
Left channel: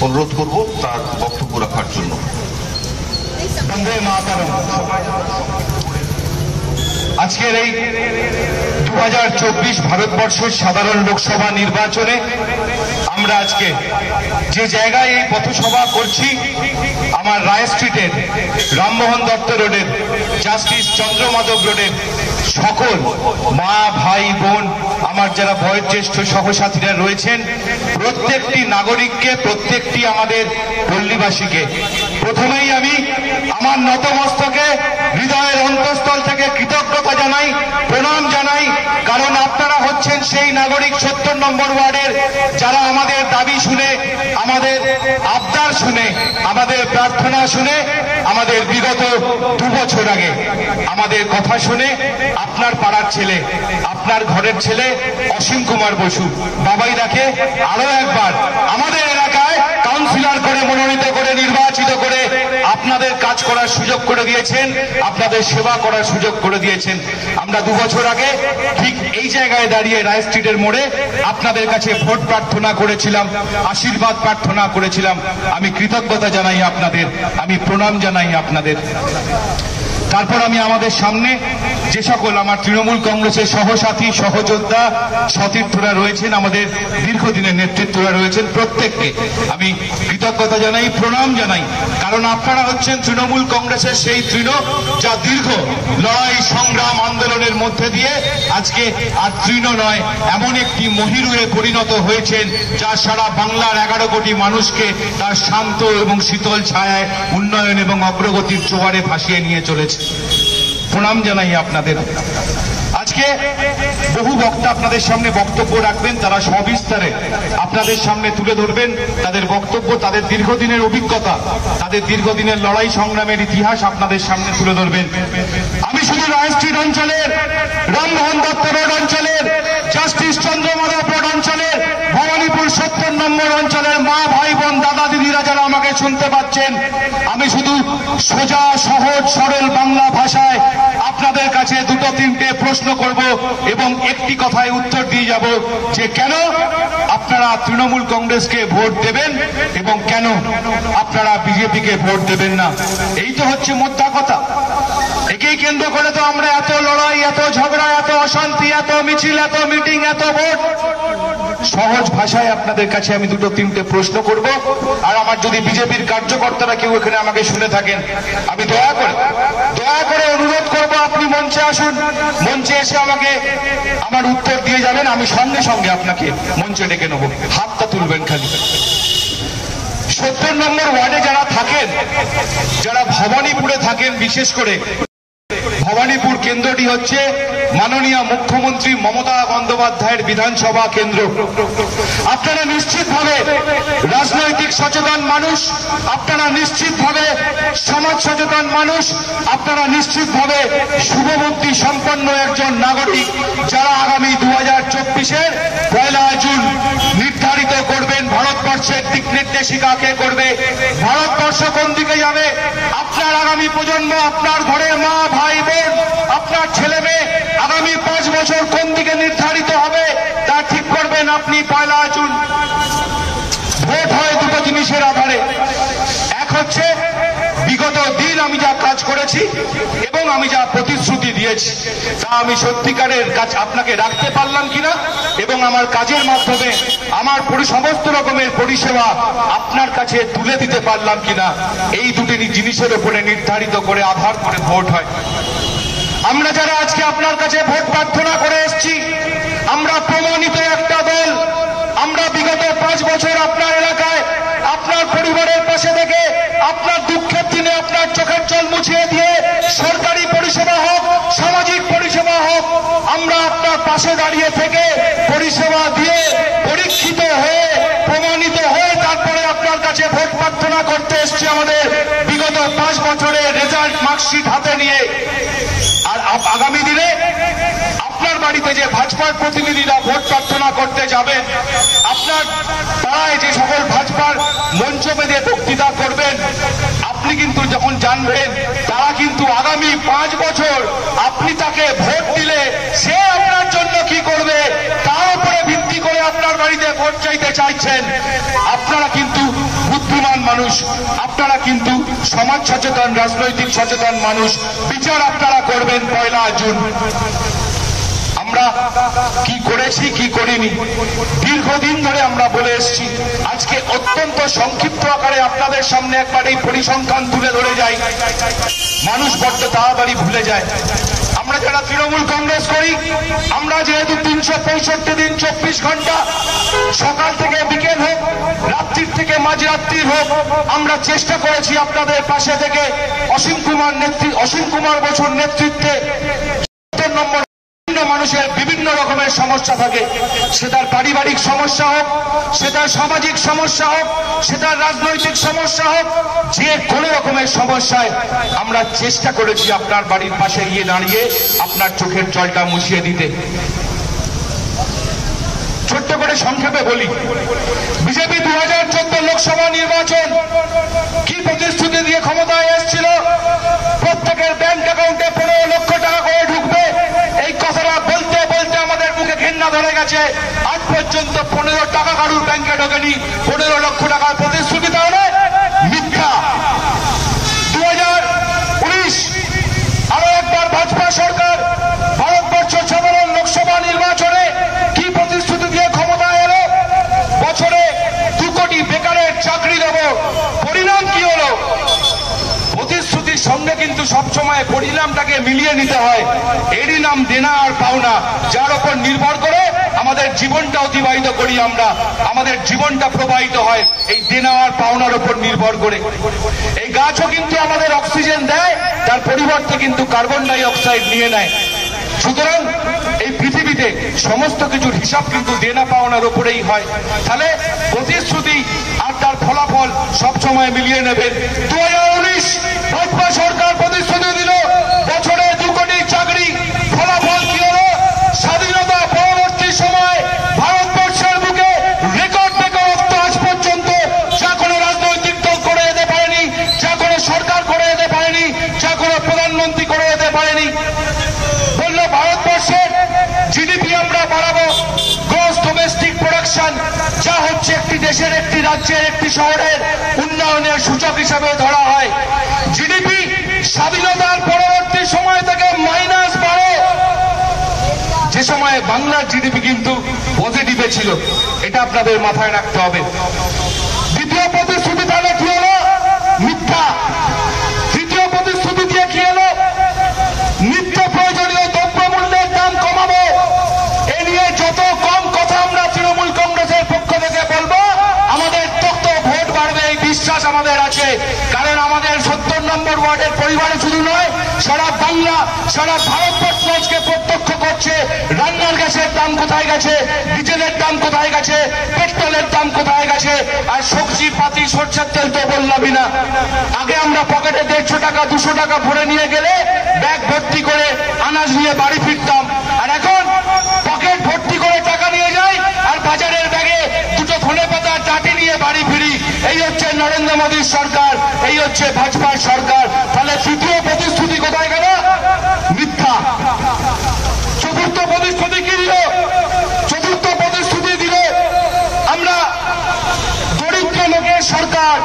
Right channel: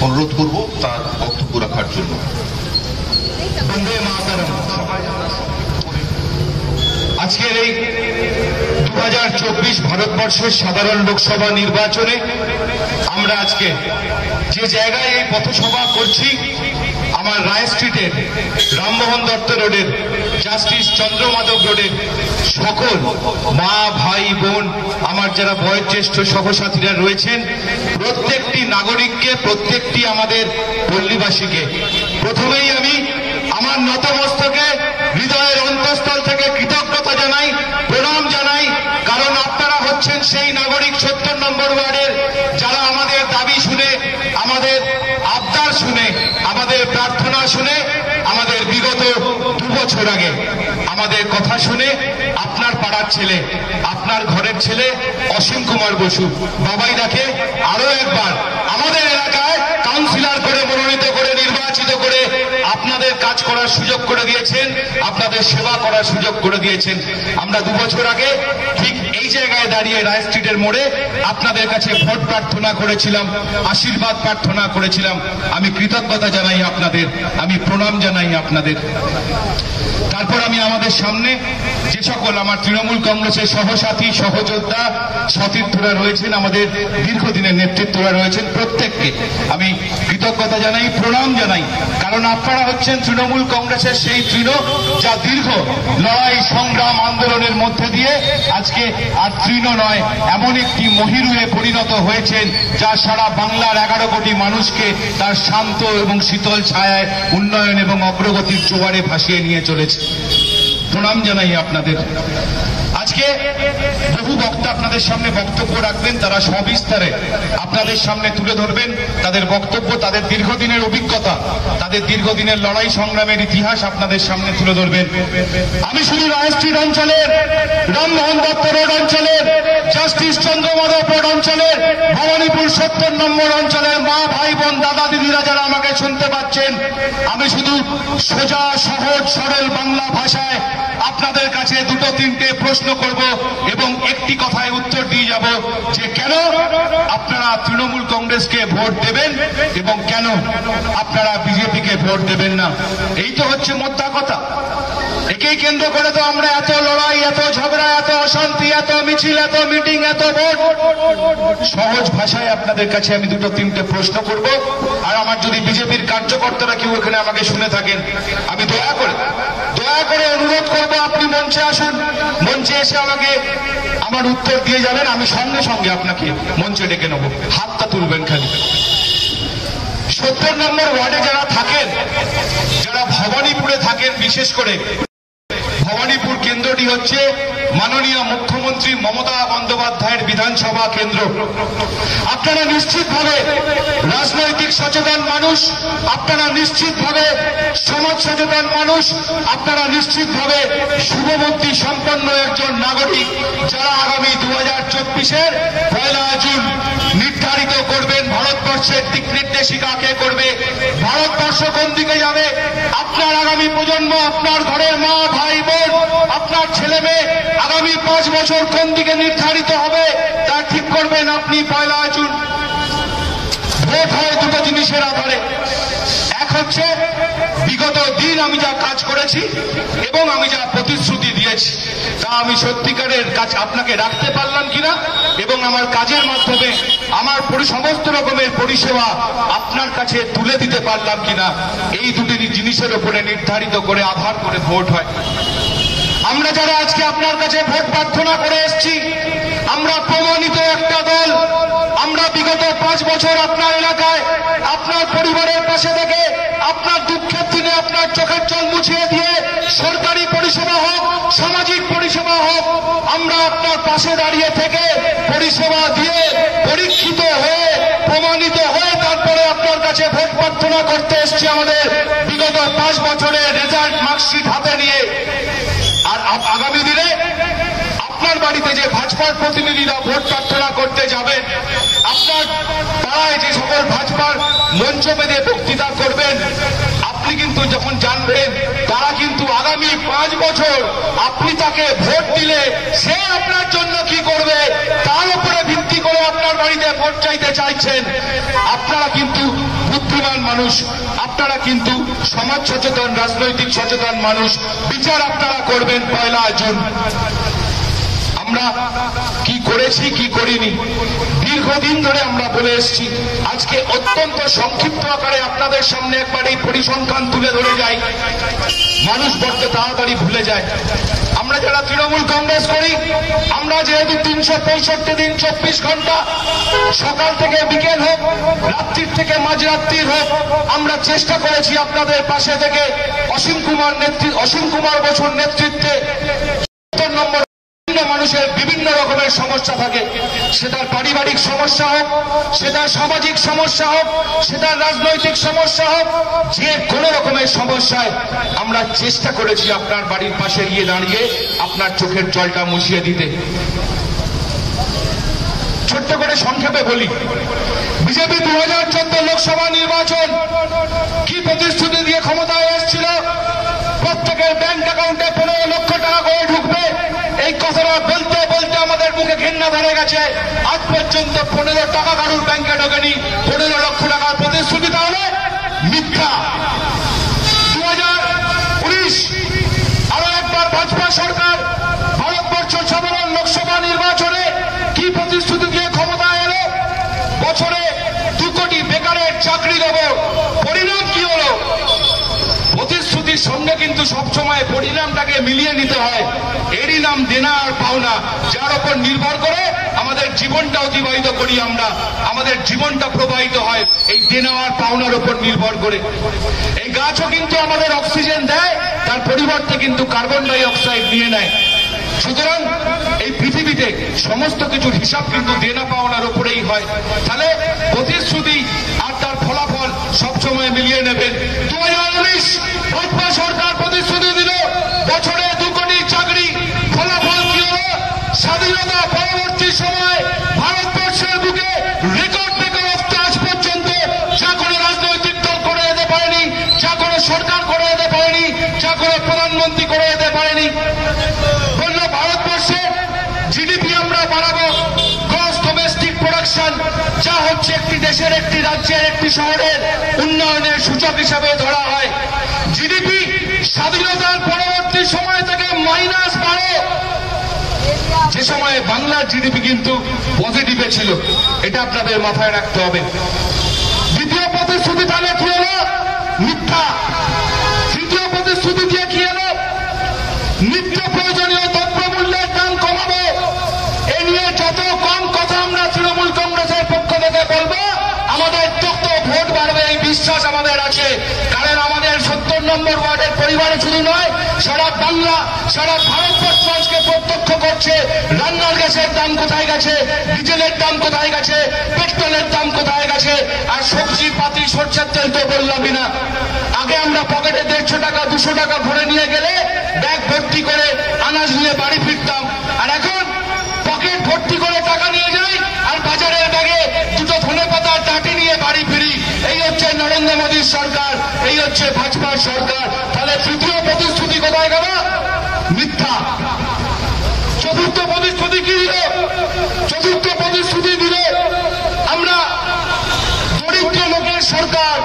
অনুরোধ করব তার বক্তব্য রাখার জন্য। আজকের এই 2024 ভারতবর্ষের সাধারণ লোকসভা নির্বাচনে আমরা আজকে যে জায়গায় এই পথসভা করছি, আমার রায় স্ট্রিটের রামমোহন দত্ত রোডের, জাস্টিস চন্দ্রমাধব রোডের সকল মা, ভাই, বোন, আমার যারা বয়োজ্যেষ্ঠ সহসাথীরা রয়েছেন, প্রত্যেকটি নাগরিককে, প্রত্যেকটি আমাদের পল্লীবাসীকে প্রথমেই আমি আমার নতমস্তকে হৃদয়ের অন্তঃস্থল থেকে কৃতজ্ঞতা জানাই, প্রণাম জানাই। কারণ আপনারা হচ্ছেন সেই নাগরিক 70 নম্বর ওয়ার্ডের যারা আমাদের দাবি শুনে, আমাদের আবদার শুনে, আমাদের প্রার্থনা শুনে, আমাদের বিগত 2 বছর আগে আমাদের কথা শুনে আপনার পাড়ার ছেলে, আপনার ঘরের ছেলে অসীম কুমার বসু বাবাইদাকে আরো একবার আমাদের এলাকায় কাউন্সিলর করে মনোনীত করে নির্বাচিত করে আপনাদের কাজ করার সুযোগ করে দিয়েছেন, আপনাদের সেবা করার সুযোগ করে দিয়েছেন। আমরা 2 বছর আগে ঠিক এই জায়গায় দাঁড়িয়ে রায় স্ট্রিটের মোড়ে আপনাদের কাছে ভোট প্রার্থনা করেছিলাম, আশীর্বাদ প্রার্থনা করেছিলাম। আমি কৃতজ্ঞতা জানাই আপনাদের, আমি প্রণাম জানাই আপনাদের। তারপর আমি আমাদের সামনে যে সকল আমার তৃণমূল কংগ্রেসের সহসাথী, সহযোদ্ধা, সতীর্থরা রয়েছেন, আমাদের দীর্ঘদিনের নেতৃত্বরা রয়েছেন, প্রত্যেককে আমি কৃতজ্ঞতা জানাই, প্রণাম জানাই। কারণ আপনারা হচ্ছেন তৃণমূল কংগ্রেসের সেই তৃণ যা দীর্ঘ লড়াই, সংগ্রাম, আন্দোলনের মধ্যে দিয়ে আজকে আর তৃণ নয়, এমন একটি মহিরুহে পরিণত হয়েছেন যা সারা বাংলার 11 কোটি মানুষকে তার শান্ত এবং শীতল ছায়ায় উন্নয়ন এবং অগ্রগতির জোয়ারে ভাসিয়ে নিয়ে চলেছে। প্রণাম জানাই আপনাদের। আজকে বহু বক্তা আপনাদের সামনে বক্তব্য রাখবেন, তারা সবিস্তারে আপনাদের সামনে তুলে ধরবেন তাদের বক্তব্য, তাদের দীর্ঘদিনের অভিজ্ঞতা, তাদের দীর্ঘদিনের লড়াই সংগ্রামের ইতিহাস আপনাদের সামনে তুলে ধরবেন। আমি শুধু রায় স্ট্রিট অঞ্চলের, রামমোহন দত্ত রোড অঞ্চলের, জাস্টিস চন্দ্রমাধব রোড অঞ্চলের, ভবানীপুর 70 নম্বর অঞ্চলের মা, ভাই, বোন, দাদা, দিদিরা যারা আমাকে শুনতে পাচ্ছেন, আমি শুধু সোজা, সহজ, সরল বাংলা ভাষায় আপনাদের কাছে দুটো তিনটে প্রশ্ন করব এবং একটি কথায় উত্তর দিয়ে যাব যে কেন আপনারা তৃণমূল কংগ্রেসকে ভোট দেবেন এবং কেন আপনারা বিজেপিকে ভোট দেবেন না। এই তো হচ্ছে মোদ্দা কথা। একেই কেন্দ্র করে তো আমরা এত লড়াই, এত ঝগড়া, এত অশান্তি, এত মিছিল, এত মিটিং, এত ভোট। সহজ ভাষায় আপনাদের কাছে আমি দুটো তিনটে প্রশ্ন করব। আর আমার যদি বিজেপির কার্যকর্তারা কেউ এখানে আমাকে শুনে থাকেন, আমি দয়া করে অনুরোধ করব আপনি মঞ্চে আসুন, মঞ্চে এসে আমাকে আমার উত্তর দিয়ে যাবেন। আমি সঙ্গে সঙ্গে আপনাকে মঞ্চে ডেকে নেব, হাতটা তুলবেন খালি। 70 নম্বর ওয়ার্ডে যারা থাকেন, যারা ভবানীপুরে থাকেন, বিশেষ করে ভবানীপুর কেন্দ্রটি হচ্ছে মাননীয় মুখ্যমন্ত্রী মমতা বন্দ্যোপাধ্যায়ের বিধানসভা কেন্দ্র। আপনারা নিশ্চিতভাবে রাজনৈতিক সচেতন মানুষ, আপনারা নিশ্চিতভাবে সমাজ সচেতন মানুষ, আপনারা নিশ্চিতভাবে শুভবুদ্ধি সম্পন্ন একজন নাগরিক, যারা আগামী 2024-এর 1 জুন নির্ধারিত করবেন ভারতবর্ষের দিক নির্দেশিকা কে করবে, ভারতবর্ষ কোন দিকে যাবে, আপনার আগামী প্রজন্ম, আপনার ঘরের মা, ভাই, বোন, আপনার ছেলে মেয়ে আগামী 5 বছর কোন দিকে নির্ধারিত হবে তা ঠিক করবেন আপনি 1 জুন। ভোট হয় দুটো জিনিসের আধারে। এক হচ্ছে বিগত দিন আমি যা কাজ করেছি এবং আমি যা প্রতিশ্রুতি দিয়েছি তা আমি সত্যিকারের কাজ আপনাকে রাখতে পারলাম কিনা এবং আমার কাজের মাধ্যমে আমার সমস্ত রকমের পরিষেবা আপনার কাছে তুলে দিতে পারলাম কিনা, এই দুটি জিনিসের উপরে নির্ধারিত করে আধার করে ভোট হয়। আমরা যারা আজকে আপনার কাছে ভোট প্রার্থনা করে এসেছি, আমরা প্রমাণিত একটা দল। আমরা বিগত 5 বছর আপনার এলাকায়, আপনার পরিবারের পাশে থেকে, আপনার দুঃখের দিনে আপনার চোখের জল মুছিয়ে দিয়ে, সরকারি পরিষেবা হোক, সামাজিক পরিষেবা হোক, আমরা আপনার পাশে দাঁড়িয়ে থেকে পরিষেবা দিয়ে পরীক্ষিত হয়ে, প্রমাণিত হয়ে তারপরে আপনার কাছে ভোট প্রার্থনা করতে এসেছি আমাদের বিগত 5 বছরের রেজাল্ট মার্কশিট হাতে নিয়ে। আর আগামী দিনে আপনার বাড়িতে যে ভাজপার প্রতিনিধিরা ভোট প্রার্থনা করতে যাবে, আপনার পাড়ায় যে সকল ভাজপার মঞ্চ বেঁধে বক্তৃতা করবেন, আপনি কিন্তু যখন জানবেন তারা কিন্তু আগামী 5 বছর আপনি তাকে ভোট দিলে সে আপনার জন্য কি করবে তার উপরে ভিত্তি করে আপনার বাড়িতে ভোট চাইতে চাইছেন। আপনারা কিন্তু বুদ্ধিমান মানুষ, আপনারা কিন্তু সমাজ সচেতন, রাজনৈতিক সচেতন মানুষ, বিচার আপনারা করবেন 1 জুন। আমরা কি করেছি কি করিনি দীর্ঘদিন ধরে আমরা বলে এসেছি। আজকে অত্যন্ত সংক্ষিপ্ত আকারে আপনাদের সামনে একবার এই পরিসংখ্যান তুলে ধরে যাই, মানুষ বড্ড তাড়াতাড়ি ভুলে যায়। আমরা যারা তৃণমূল কংগ্রেস করি, আমরা যেহেতু 365 দিন 24 ঘন্টা, সকাল থেকে বিকেল হোক, রাত্রির থেকে মাঝরাত্রির হোক, আমরা চেষ্টা করেছি আপনাদের পাশে থেকে অসীম কুমার বসুর নেতৃত্বে। নম্বর মানুষের বিভিন্ন রকমের সমস্যা থাকে, সেটা পারিবারিক সমস্যা হোক, সেটা সামাজিক সমস্যা হোক, সেটা রাজনৈতিক সমস্যা হোক, যে কোনো রকমের সমস্যায় আমরা চেষ্টা করেছি আপনার বাড়ির পাশে গিয়ে দাঁড়িয়ে আপনার চোখের জলটা মুছিয়ে দিতে। ছোট্ট করে সংক্ষেপে বলি, বিজেপি 2014 লোকসভা নির্বাচন কি প্রতিশ্রুতি দিয়ে ক্ষমতায় এসেছিল? প্রত্যেকের ব্যাংক অ্যাকাউন্টে 15 লক্ষ টাকা করে ঢুকবে, এই কথাটা বলতে বলতে আমাদের মুখে ঘেন্না ধরে গেছে। আজ পর্যন্ত 15 টাকা কারুর ব্যাংকে ঢোকেনি। 15 লক্ষ টাকার প্রতিশ্রুতি তাহলে মিথ্যা। 2019 আরো একবার ভাজপা সরকার ভারতবর্ষ সাধারণ লোকসভা নির্বাচনে কি প্রতিশ্রুতি দিয়ে ক্ষমতায় এলো? বছরে 2 কোটি বেকারের চাকরি দেব। পরিণাম কি হলো? প্রতিশ্রুতির সঙ্গে কিন্তু সবসময় পরিণামটাকে মিলিয়ে নিতে হয়। এরই নাম দেনা আর পাওনা, যার উপর নির্ভর করে আমাদের জীবনটা অতিবাহিত করি আমরা। আমাদের জীবনটা প্রবাহিত হয় এই দেনা আর পাওনার উপর নির্ভর করে। এই গাছও কিন্তু আমাদের অক্সিজেন দেয়, তার পরিবর্তে কিন্তু কার্বন ডাই অক্সাইড নিয়ে নেয়। সুতরাং এই পৃথিবীতে সমস্ত কিছুর হিসাব কিন্তু দেনা পাওনার উপরেই হয়। তাহলে প্রতিশ্রুতি আর তার ফলাফল সবসময় মিলিয়ে নেবেন। 2019 ভাজপা সরকার প্রতিশ্রুতি দিল বছরে 2 কোটি চাকরি। ফলাফল কি হলো? স্বাধীনতা পরবর্তী সময় ভারতবর্ষের বুকে রেকর্ড বেকারত্ব আজ পর্যন্ত যা কোনো রাজনৈতিক দল করে যেতে পারেনি, যা কোনো সরকার করে যেতে পারেনি, যা কোনো প্রধানমন্ত্রী করে যেতে পারেনি। বললো ভারতবর্ষের জিডিপি আমরা বাড়াবো, গ্রস ডোমেস্টিক প্রোডাকশন, যা হচ্ছে একটি দেশের, একটি রাজ্যের, একটি শহরের উন্নয়নের সূচক হিসেবে ধরা হয়। জিডিপি স্বাধীনতার পরবর্তী সময় থেকে -12, যে সময়ে বাংলার জিডিপি কিন্তু পজিটিভে ছিল। এটা আপনাদের মাথায় রাখতে হবে। দ্বিতীয় প্রতিশ্রুতি তাহলে কি হলো? মিথ্যা। তৃতীয় প্রতিশ্রুতি দিয়ে কি হলো? নিত্য প্রয়োজনীয় দ্রব্যমূল্যের দাম কমাবো। এ নিয়ে যত কম কথা আমরা তৃণমূল কংগ্রেসের পক্ষ থেকে বলবো, আমাদের তত ভোট বাড়বে এই বিশ্বাস আমাদের আছে। কারণ আমাদের 70 নম্বর ওয়ার্ডের পরিবারে শুধু নয়, সারা বাংলা, সারা ভারতবর্ষ আজকে প্রত্যক্ষ করছে রান্নার গ্যাসের দাম কোথায় গেছে, ডিজেলের দাম কোথায় গেছে, পেট্রোলের দাম কোথায় গেছে। আর সবজি পাতি সরষের তেল তো বললামই না। আগে আমরা পকেটে 150 টাকা 200 টাকা ভরে নিয়ে গেলে ব্যাগ ভর্তি করে আনাজ নিয়ে বাড়ি ফিরতাম। আর এখন পকেট ভর্তি করে টাকা নিয়ে যাই আর বাজারের ব্যাগে 2টো ধনে পাতার টাটি নিয়ে বাড়ি ফিরি। এই হচ্ছে নরেন্দ্র মোদীর সরকার, এই হচ্ছে ভাজপার সরকার। তাহলে তৃতীয় প্রতিশ্রুতি কোথায় গেল? মিথ্যা। চতুর্থ প্রতিশ্রুতি কি দিল? চতুর্থ প্রতিশ্রুতি দিলে আমরা দরিদ্র লোকের সরকার,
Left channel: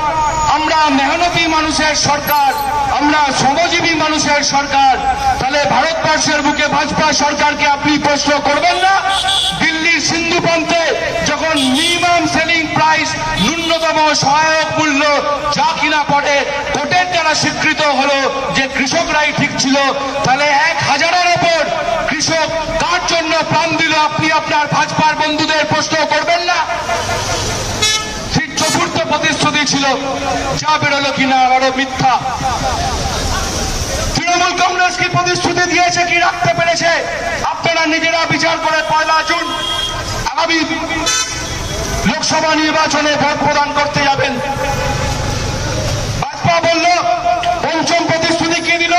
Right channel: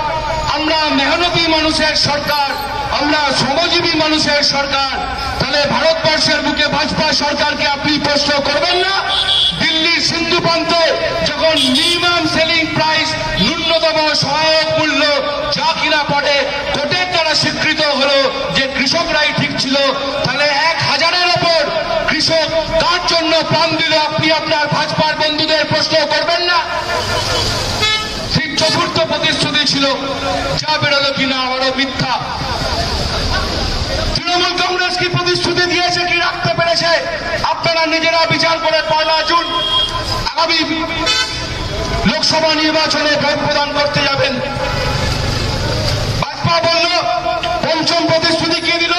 আমরা মেহনতি মানুষের সরকার, আমরা শ্রমজীবী মানুষের সরকার। তাহলে ভারতবর্ষের বুকে ভাজপা সরকারকে আপনি প্রশ্ন করবেন না? দিল্লির সিন্ধু প্রান্তে যখন মিনিমাম সেলিং প্রাইস, ন্যূনতম সহায়ক মূল্য যা কিনা পড়ে কোর্টের দ্বারা স্বীকৃত হলো যে কৃষকরাই ঠিক ছিল, তাহলে 1000-এর ওপর কৃষক কার জন্য প্রাণ দিল আপনি আপনার ভাজপার বন্ধুদের প্রশ্ন করবেন না? চতুর্থ প্রতিশ্রুতি ছিল, যা বেরোলো কিনা আবারও মিথ্যা। তৃণমূল কংগ্রেস কি প্রতিশ্রুতি দিয়েছে, কি রাখতে পেরেছে? আপনারা নিজেরা বিচার করে 1 জুন আগামী লোকসভা নির্বাচনে ভোট প্রদান করতে যাবেন। ভাজপা বলল, পঞ্চম প্রতিশ্রুতি কে দিল?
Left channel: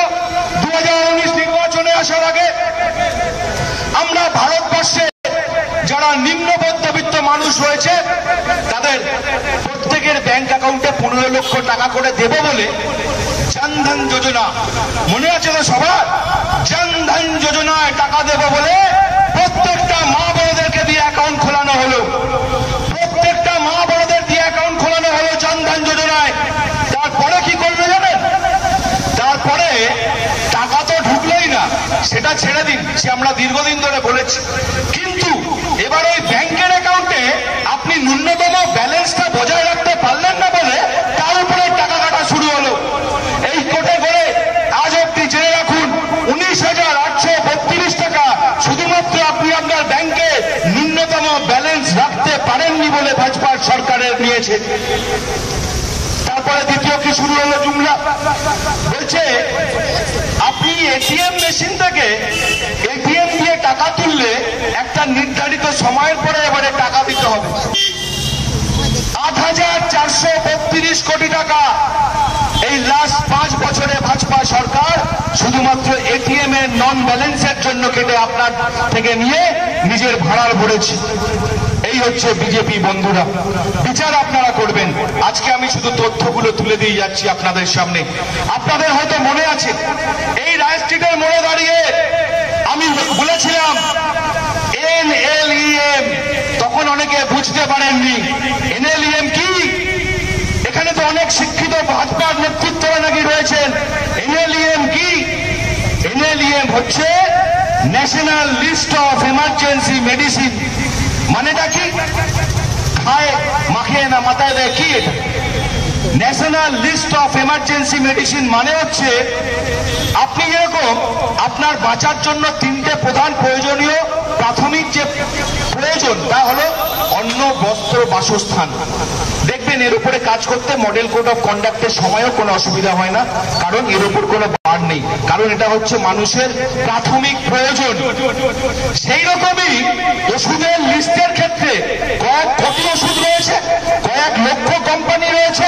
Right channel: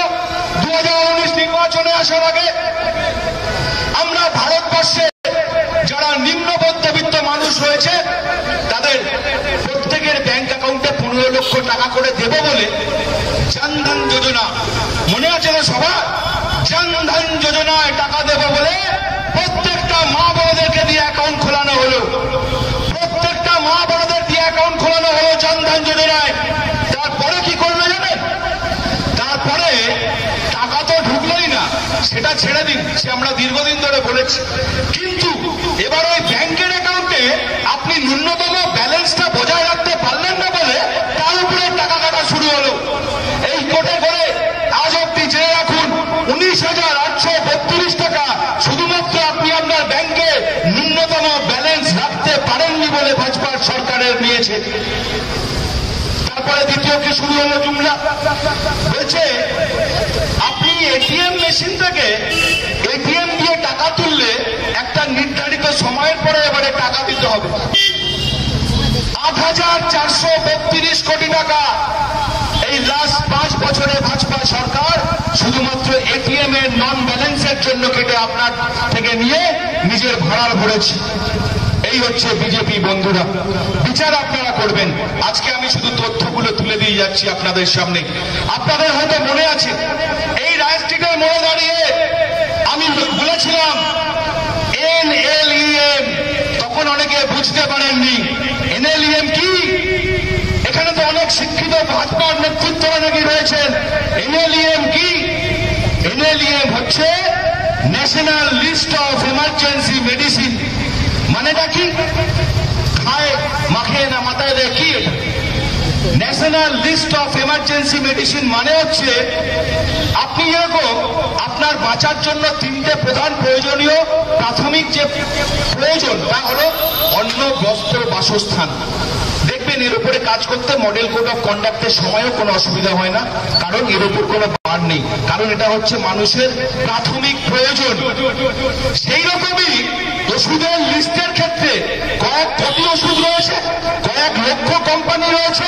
2019 নির্বাচনে আসার আগে আমরা ভারতবর্ষে যারা নিম্ন মধ্যবিত্ত মানুষ রয়েছে তাদের প্রত্যেকের ব্যাংক অ্যাকাউন্টে 15 লক্ষ টাকা করে দেব বলে জনধন যোজনা, মনে আছে না সবার? জনধন যোজনায় টাকা দেব বলে প্রত্যেকটা মা বড়দেরকে দিয়ে অ্যাকাউন্ট খোলানো হলো। প্রত্যেকটা মা বড়দের দিয়ে অ্যাকাউন্ট খোলানো হলো জনধন যোজনায়। তারপরে কি করবে জানেন? তারপরে টাকা তো ঢুকলোই না, সেটা ছেড়ে দিন, সে আমরা দীর্ঘদিন ধরে বলেছি। কিন্তু এবার ওই ব্যাংকের অ্যাকাউন্টে আপনি ন্যূনতম ব্যালেন্সটা বজায় রাখতে পারলেন না বলে তার উপরে টাকা কাটা শুরু হলো। এই কোর্টে করে আজ অব্দি জেনে রাখুন 19,832 টাকা শুধুমাত্র আপনি আপনার ব্যাংকে ন্যূনতম ব্যালেন্স রাখতে পারেননি বলে ভাজপার সরকারের নিয়েছে। তারপরে দ্বিতীয় কি শুরু হলো জুমলা? বলছে আপনি এটিএম মেশিন থেকে এটিএম দিয়ে টাকা তুললে একটা নির্ধারিত সময়ের পরে এবারে টাকা দিতে হবে। 8,432 কোটি টাকা এই লাস্ট 5 বছরে ভাজপা সরকার শুধুমাত্র এটিএম এর নন ব্যালেন্সের জন্য কেটে আপনার থেকে নিয়ে নিজের ভাড়ার ভরেছি। এই হচ্ছে বিজেপি বন্ধুরা। বিচার আপনারা করবেন। আজকে আমি শুধু তথ্যগুলো তুলে দিয়ে যাচ্ছি আপনাদের সামনে। আপনাদের হয়তো মনে আছে এই রায় স্ট্রিটের মোড়ে দাঁড়িয়ে আমি বলেছিলাম NLEM, তখন অনেকে বুঝতে পারেননি NLEM কি। এখানে তো অনেক শিক্ষিত ভাজপার নেতৃত্বরা নাকি রয়েছেন। NLEM কি? NLEM হচ্ছে national list of emergency medicine. মানেটা কি? খায় মাখে না মাথায় দেয় কি? এটা national list of emergency medicine মানে হচ্ছে আপনি যেরকম আপনার বাঁচার জন্য তিনটে প্রধান প্রয়োজনীয় প্রাথমিক যে প্রয়োজন তা হলো অন্ন, বস্ত্র, বাসস্থান। দেখবেন এর উপরে কাজ করতে মডেল কোড অফ কন্ডাক্টের সময়ও কোনো অসুবিধা হয় না, কারণ এর উপর কোনো বার নেই, কারণ এটা হচ্ছে মানুষের প্রাথমিক প্রয়োজন। সেই রকমই ওষুধের লিস্টের ক্ষেত্রে কত ওষুধ রয়েছে, কয়েক লক্ষ কোম্পানি রয়েছে।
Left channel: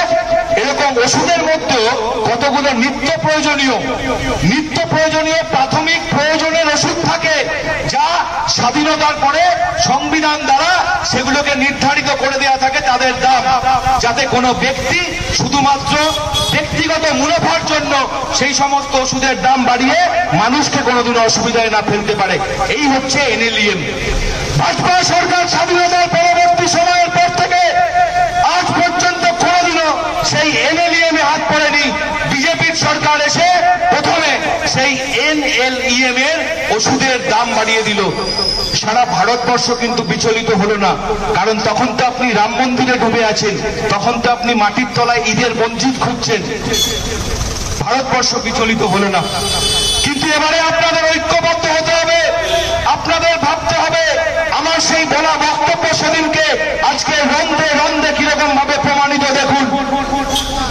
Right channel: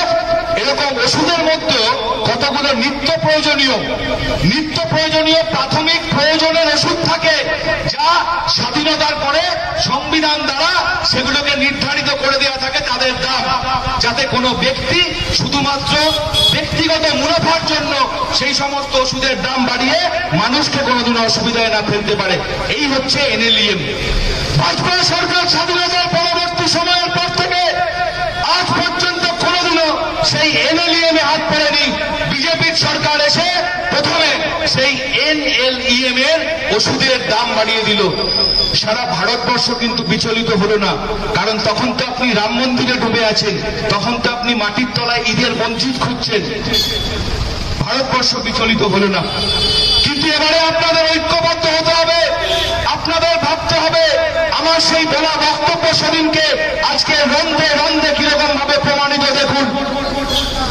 এরকম ওষুধের মধ্যে কতগুলো নিত্য প্রয়োজনীয় প্রাথমিক প্রয়োজনের ওষুধ থাকে, যা স্বাধীনতার পরে সংবিধান দ্বারা সেগুলোকে নির্ধারিত করে দেওয়া থাকে তাদের দাম, যাতে কোনো ব্যক্তি শুধুমাত্র ব্যক্তিগত মুনাফার জন্য সেই সমস্ত ওষুধের দাম বাড়িয়ে মানুষকে কোনোদিন অসুবিধায় না ফেলতে পারে। এই হচ্ছে NLEM। ভাজপা সরকার স্বাধীনতার পরবর্তী সময়ের পর থেকে আজ পর্যন্ত কোনোদিনও সেই NLEM এ হাত পড়েনি। বিজেপির সরকার এসে প্রথমে সেই NLEM এর ওষুধের দাম বাড়িয়ে দিল। সারা ভারতবর্ষ কিন্তু বিচলিত হলো না, কারণ তখন তো আপনি রাম মন্দিরে ডুবে আছেন, তখন তো আপনি মাটির তলায় ঈদের মসজিদ খুঁজছেন। ভারতবর্ষ বিচলিত হলো না। কিন্তু এবারে আপনাদের ঐক্যবদ্ধ হতে হবে, আপনাদের ভাবতে হবে। আমার সেই বলা বক্তব্য সেদিনকে আজকে রন্ধে কিরকম ভাবে প্রমাণিত। দেখুন,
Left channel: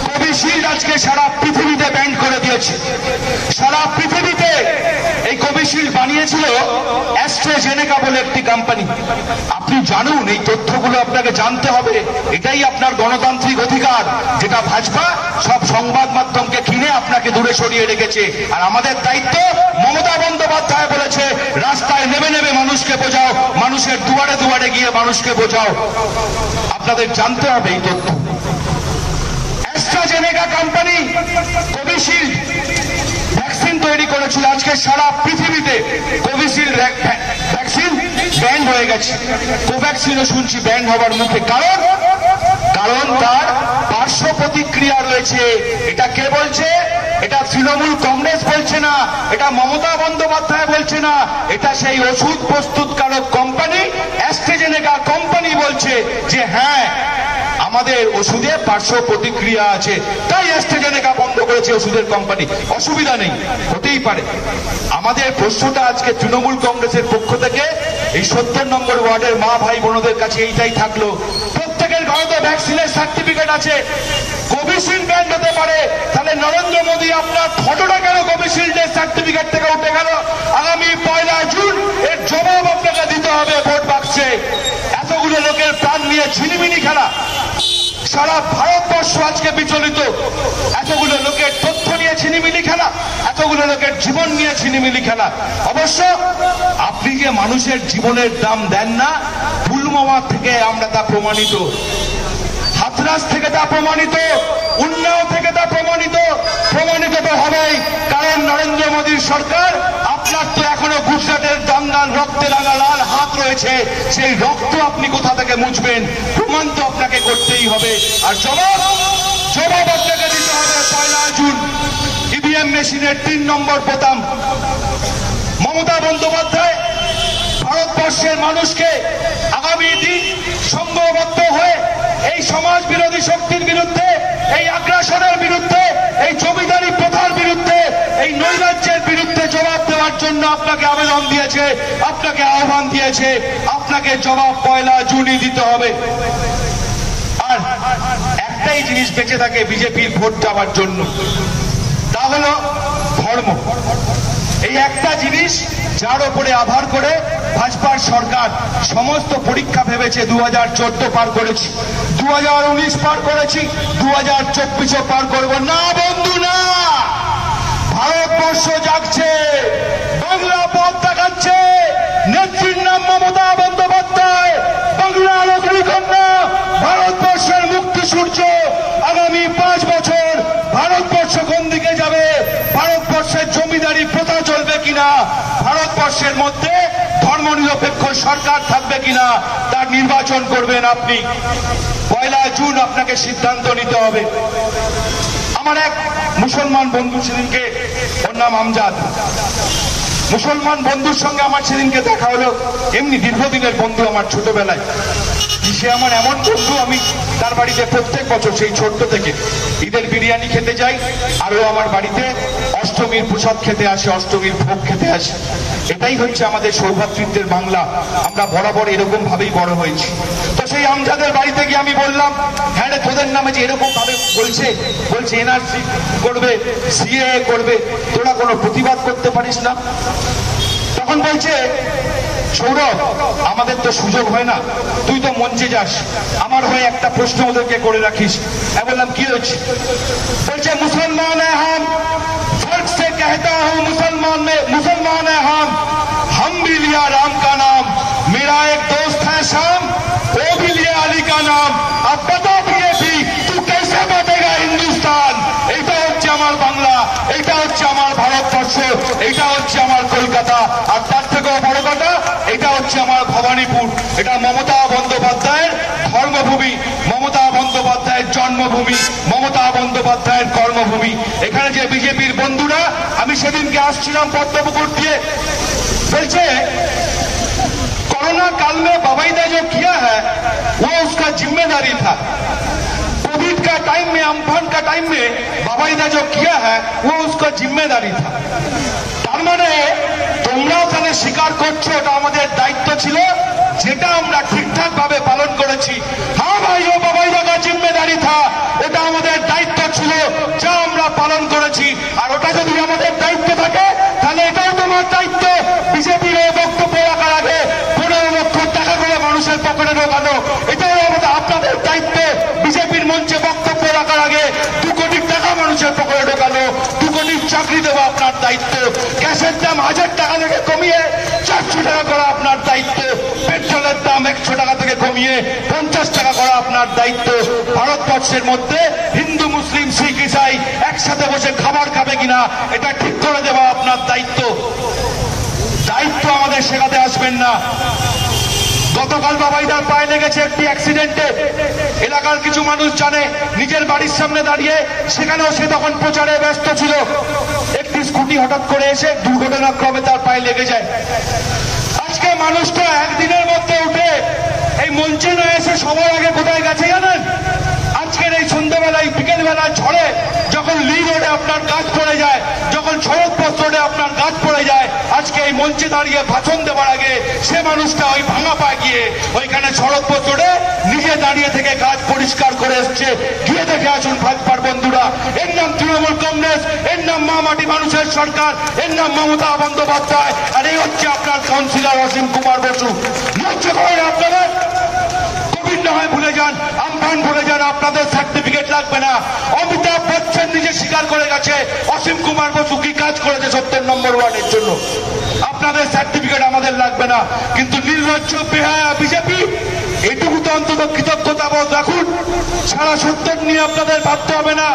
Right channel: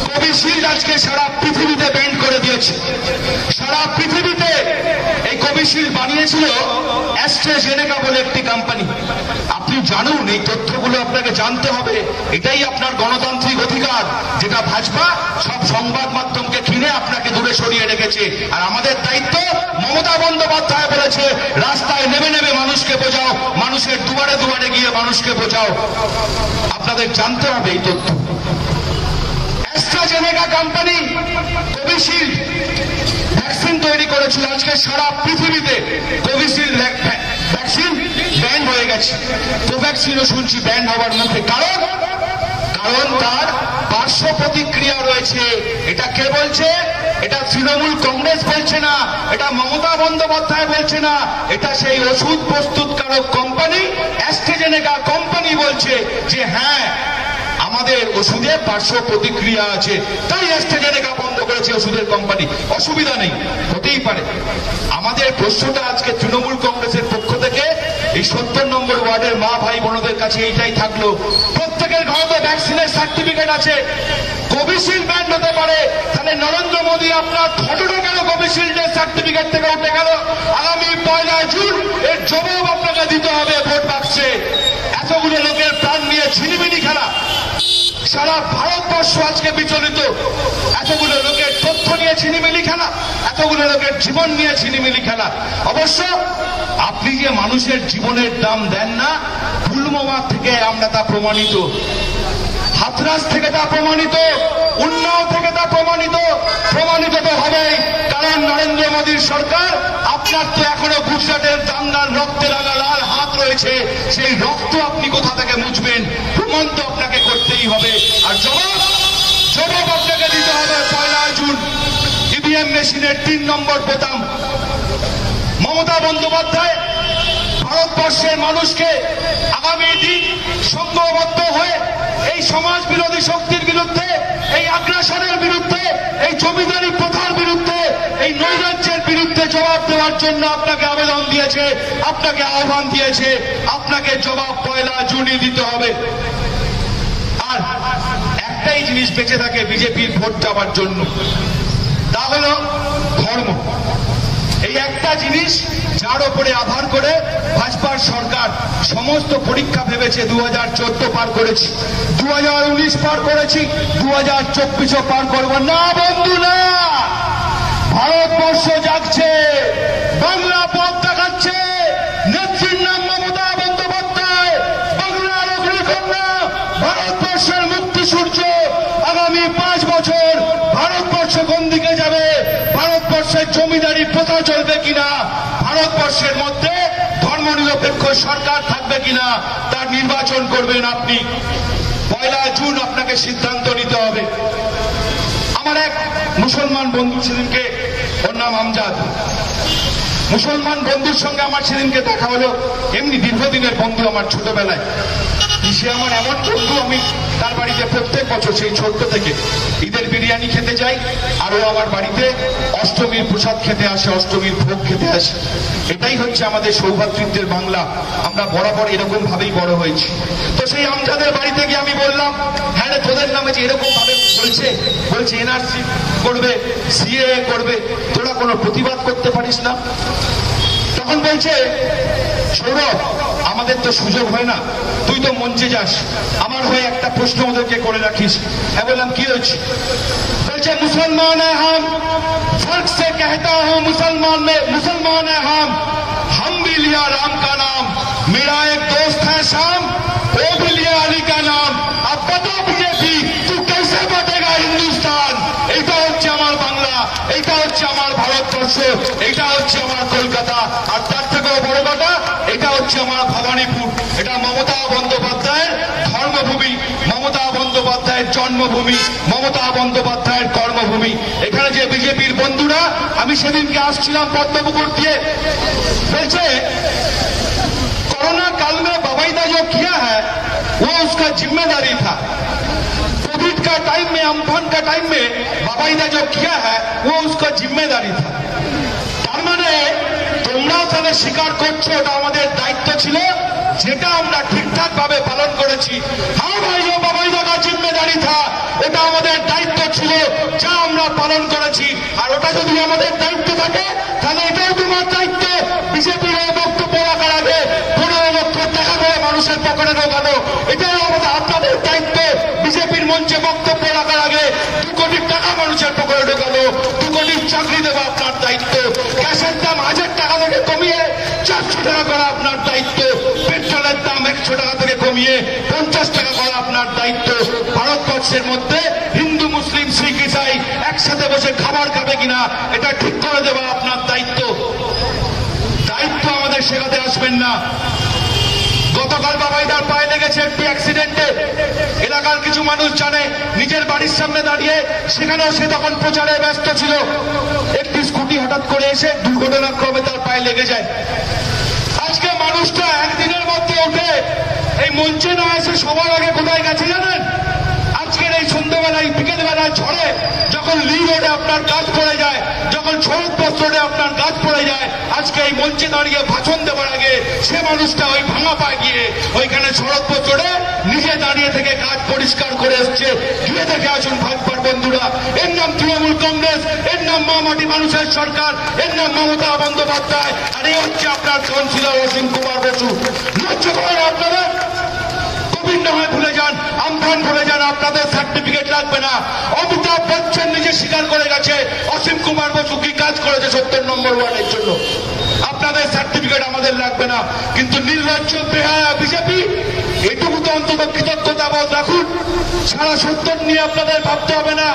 কোভিশিল্ড আজকে সারা পৃথিবীতে ব্যান করে দিয়েছে। সারা পৃথিবীতে এই কোভিশিল্ড বানিয়েছিল অ্যাস্ট্রাজেনেকা বলে একটি কোম্পানি। আপনি জানুন, এই তথ্যগুলো আপনাকে জানতে হবে। এটাই আপনার গণতান্ত্রিক অধিকার, যেটা ভাজপা সব সংবাদ মাধ্যমকে ঘিরে আপনাকে দূরে সরিয়ে রেখেছে। আর আমাদের দায়িত্ব, মমতা বন্দ্যোপাধ্যায় বলেছে রাস্তায় নেমে মানুষকে বোঝাও, মানুষের দুয়ারে দুয়ারে গিয়ে মানুষকে বোঝাও। আপনাদের জানতে হবে এই তথ্য। অ্যাস্ট্রাজেনেকা কোম্পানি কোভিশিল্ড ভ্যাকসিন তৈরি করেছিল। আজকে সারা পৃথিবীতে কোভিশিল্ড ভ্যাকসিন ব্যান হয়ে গেছে। কোভ্যাক্সিনও শুনছি ব্যান হবার মুখে। কারণ তার পার্শ্ব প্রতিক্রিয়া রয়েছে। এটা কে বলছে? এটা তৃণমূল কংগ্রেস বলছে না, এটা মমতা বন্দ্যোপাধ্যায় বলছে না, এটা সেই ওষুধ প্রস্তুতকারক কোম্পানি অ্যাস্ট্রাজেনেকা কোম্পানি বলছে যে হ্যাঁ, আমাদের ওষুধে পার্শ্ব প্রতিক্রিয়া আছে, তাই অ্যাস্ট্রাজেনেকা বন্ধ করেছে ওষুধের কোম্পানি। অসুবিধা নেই, হতেই পারে। আমাদের প্রশ্নটা আজকে তৃণমূল কংগ্রেসের পক্ষ থেকে এই 70 নম্বর ওয়ার্ডের মা ভাই বোনদের কাছে এইটাই থাকলো, প্রত্যেকের ঘরে ভ্যাকসিনের সার্টিফিকেট আছে। কোভিশিল্ড ব্যান্ড হতে পারে, তাহলে নরেন্দ্র মোদী আপনার ফটোটা কেন কোভিশিল্ডের সার্টিফিকেট থেকে উঠে গেল? আগামী 1 জুন এর জবাব আপনাকে দিতে হবে ভোট বাক্সে। এতগুলো লোকের প্রাণ নিয়ে ঝিলিমিলি খেলা, সারা ভারতবর্ষ আজকে বিচলিত। এতগুলো লোকের তথ্য নিয়ে ঝিলিমিলি খেলা, এতগুলো লোকের জীবন নিয়ে ঝিলিমিলি খেলা। অবশ্য আপনি যে মানুষের জীবনের দাম দেন না, পুলওয়ামা থেকে আমরা তা প্রমাণিত, হাথরাস থেকে তা প্রমাণিত, উন্নাও থেকে তা প্রমাণিত তো হবেই। কারণ নরেন্দ্র মোদীর সরকার, আপনার তো এখনো গুজরাটের দাঙ্গার রক্তে রাঙা লাল হাত রয়েছে, সেই রক্ত আপনি কোথা থেকে মুছবেন? প্রমাণ তো আপনাকে করতেই হবে। আর জবাব আপনাকে দিতে হবে 1 জুন। ইভিএম মেশিনের 3 নম্বর বোতাম। মমতা বন্দ্যোপাধ্যায় ভারতবর্ষের মানুষকে আগামী দিন সংঘবদ্ধ হয়ে এই সমাজ বিরোধী শক্তির বিরুদ্ধে, এই আগ্রাসনের বিরুদ্ধে, এই জমিদারি প্রথার বিরুদ্ধে, এই নৈরাজ্যের বিরুদ্ধে জবাব দেওয়ার জন্য আপনাকে আবেদন দিয়েছে, আপনাকে আহ্বান দিয়েছে। আপনাকে জবাব 1 জুনই দিতে হবে। আর একটাই জিনিস বেঁচে থাকে বিজেপির ভোট দেওয়ার জন্য, তা হল ধর্ম। এই একটা জিনিস, যার উপরে আধার করে ভাজপার সরকার সমস্ত পরীক্ষা ভেবেছে। 2014 পার করেছি, 2019 পার করেছি, 2024 পার করব না। বন্ধু না, ভারতবর্ষ জাগছে, বাংলা পথ দেখাচ্ছে, নেত্রীর নাম মমতা বন্দ্যোপাধ্যায়, বাংলা লক্ষ্মী কন্যা, ভারতবর্ষের মুক্তি সূর্য। আগামী 5 বছর ভারতবর্ষ কোন দিকে যাবে? ভারতবর্ষের জমিদারি জমিদারি প্রথা চলবে কিনা, ভারতবর্ষের মধ্যে ধর্মনিরপেক্ষ সরকার থাকবে কিনা তার নির্বাচন করবেন আপনি। 1 জুন আপনাকে সিদ্ধান্ত নিতে হবে। আমার এক মুসলমান বন্ধু সেদিনকে, ওর নাম আমজাদ, মুসলমান বন্ধুর সঙ্গে আমার সেদিনকে দেখা হলো। এমনি দীর্ঘদিনের বন্ধু আমার, ছোটবেলায়। সে আমার এমন বন্ধু, আমি তার বাড়িতে প্রত্যেক বছর সেই ছোট্ট থেকে ঈদের বিরিয়ানি খেতে যাই, আর ও আমার বাড়িতে অষ্টমীর প্রসাদ খেতে আসে, অষ্টমীর ভোগ খেতে আসে। এটাই হচ্ছে আমাদের সৌভাতৃত্বের বাংলা। আমরা বরাবর এরকম ভাবেই বড় হয়েছি। তো সেই আমজাদের বাড়িতে গিয়ে আমি বললাম, হ্যাঁ রে, তোদের নামে যে এরকম ভাবে বলছে এনআরসি করবে, সিএএ করবে, তোরা কোনো প্রতিবাদ করতে পারিস না? তখন বলছে, সৌরভ, আমাদের তো সুযোগ হয় না, তুই তো মঞ্চে যাস, আমার হয়ে একটা প্রশ্ন ওদেরকে করে রাখিস। আমি বললাম, কি হয়েছে? বলছে, মুসলমান হ্যাঁ फर्क से कहता हूं मुसलमान है हम भी लिया राम का नाम, मेरा एक दोस्त है शाम, वो भी लिया अली का नाम। अब बता बीजेपी, तू कैसे बांटेगा हिंदुस्तान? এটা হচ্ছে আমার বাংলা, এটা হচ্ছে আমার ভারতবর্ষ, এটা হচ্ছে আমার কলকাতা, আর তার থেকেও বড় কথা, এটা হচ্ছে আমার ভবানীপুর। এটা মমতা বন্দ্যোপাধ্যায়ের ধর্মভূমি, মমতা বন্দ্যোপাধ্যায়ের জন্মভূমি, মমতা বন্দ্যোপাধ্যায়ের কর্মভূমি। এখানে যে বিজেপির বন্ধুরা, আমি সেদিনকে আসছিলাম পদ্মপুকুর দিয়ে, বলছে कोरोना काल में बबाईदा जो किया है वो उसका जिम्मेदारी था। कोविड का टाइम में, अम्फान का टाइम में बबाईदा जो किया है वो उसका जिम्मेदारी था। তার মানে তোমরা ওখানে স্বীকার করছো এটা আমাদের দায়িত্ব ছিল, যেটা আমরা ঠিকঠাক ভাবে পালন করেছি। হ্যাঁ ভাই, ও বাবাইদা का जिम्मेदारी था, এটা আমাদের দায়িত্ব ছিল, যা আমরা পালন করেছি। আর ওটা যদি আমাদের দায়িত্ব থাকে, তাহলে এটাও তোমার দায়িত্ব। বিজেপির এই বক্তব্য রাখার আগে 15 লক্ষ টাকা করে মানুষের পকেটে ঢোকানো, এটাই আমাদের আপনাদের দায়িত্ব। বিজেপির মঞ্চে বক্তব্য রাখার আগে 2 কোটি টাকা মানুষের পকেটে ঢোকানো, 2 কোটি চাকরি দেওয়া আপনার দায়িত্ব। গ্যাসের দাম 1000 টাকা থেকে কমিয়ে 400 টাকা করা আপনার দায়িত্ব। পেট্রোলের দাম 100 টাকা থেকে কমিয়ে 50 টাকা করা আপনার দায়িত্ব। ভারতবর্ষের মধ্যে হিন্দু, মুসলিম, শিখ, ইসাই একসাথে বসে খাবার খাবে কিনা এটা ঠিক করে দেওয়া আপনার দায়িত্ব। দায়িত্ব আমাদের শেখাতে আসবেন না। গতকাল বাবাইদার পায়ে লেগেছে একটি অ্যাক্সিডেন্টে, এলাকার কিছু মানুষ জানে, নিজের বাড়ির সামনে দাঁড়িয়ে, সেখানেও সে তখন প্রচারে ব্যস্ত ছিল। একটি স্কুটি হঠাৎ করে এসে দুর্ঘটনাক্রমে তার পায়ে লেগে যায়। আজকে মানুষটা একদিনের মধ্যে উঠে এই মঞ্চে না এসে সবার আগে কোথায় গেছে জানেন? আজকের এই সন্ধ্যাবেলায়, বিকেলবেলায় ঝড়ে যখন লি রোডে আপনার গাছ পড়ে যায়, যখন শরৎপথ রোডে আপনার গাছ পড়ে যায়, আজকে এই মঞ্চে দাঁড়িয়ে ভাষণ দেওয়ার আগে সে মানুষটা ওই ভাঙা পায়ে গিয়ে ওইখানে শরৎপথ রোডে নিজে দাঁড়িয়ে থেকে গাছ পরিষ্কার করে এসছে। গিয়ে দেখে আসুন ভাজপার বন্ধুরা। এর নাম তৃণমূল কংগ্রেস, এর নাম মা মাটি মানুষের সরকার, এর নাম মমতা বন্দ্যোপাধ্যায়, আর এই হচ্ছে আপনার কাউন্সিলর অসীম কুমার বসু। লজ্জা করে আপনারা? কোভিড না হয় ভুলে যান, আমফান ভুলে যান, আপনাদের সার্টিফিকেট লাগবে না। অমিতাভ বচ্চন নিজে স্বীকার করে গেছে অসীম কুমার বসু কি কাজ করেছে 70 নম্বর ওয়ার্ডের জন্য। আপনাদের সার্টিফিকেট আমাদের লাগবে না। কিন্তু নির্লজ্জ বেহায়া বিজেপি, এটুকু তো অন্তত কৃতজ্ঞতা বোধ রাখুন। সারা 70 নিয়ে আপনাদের ভাবতে হবে না।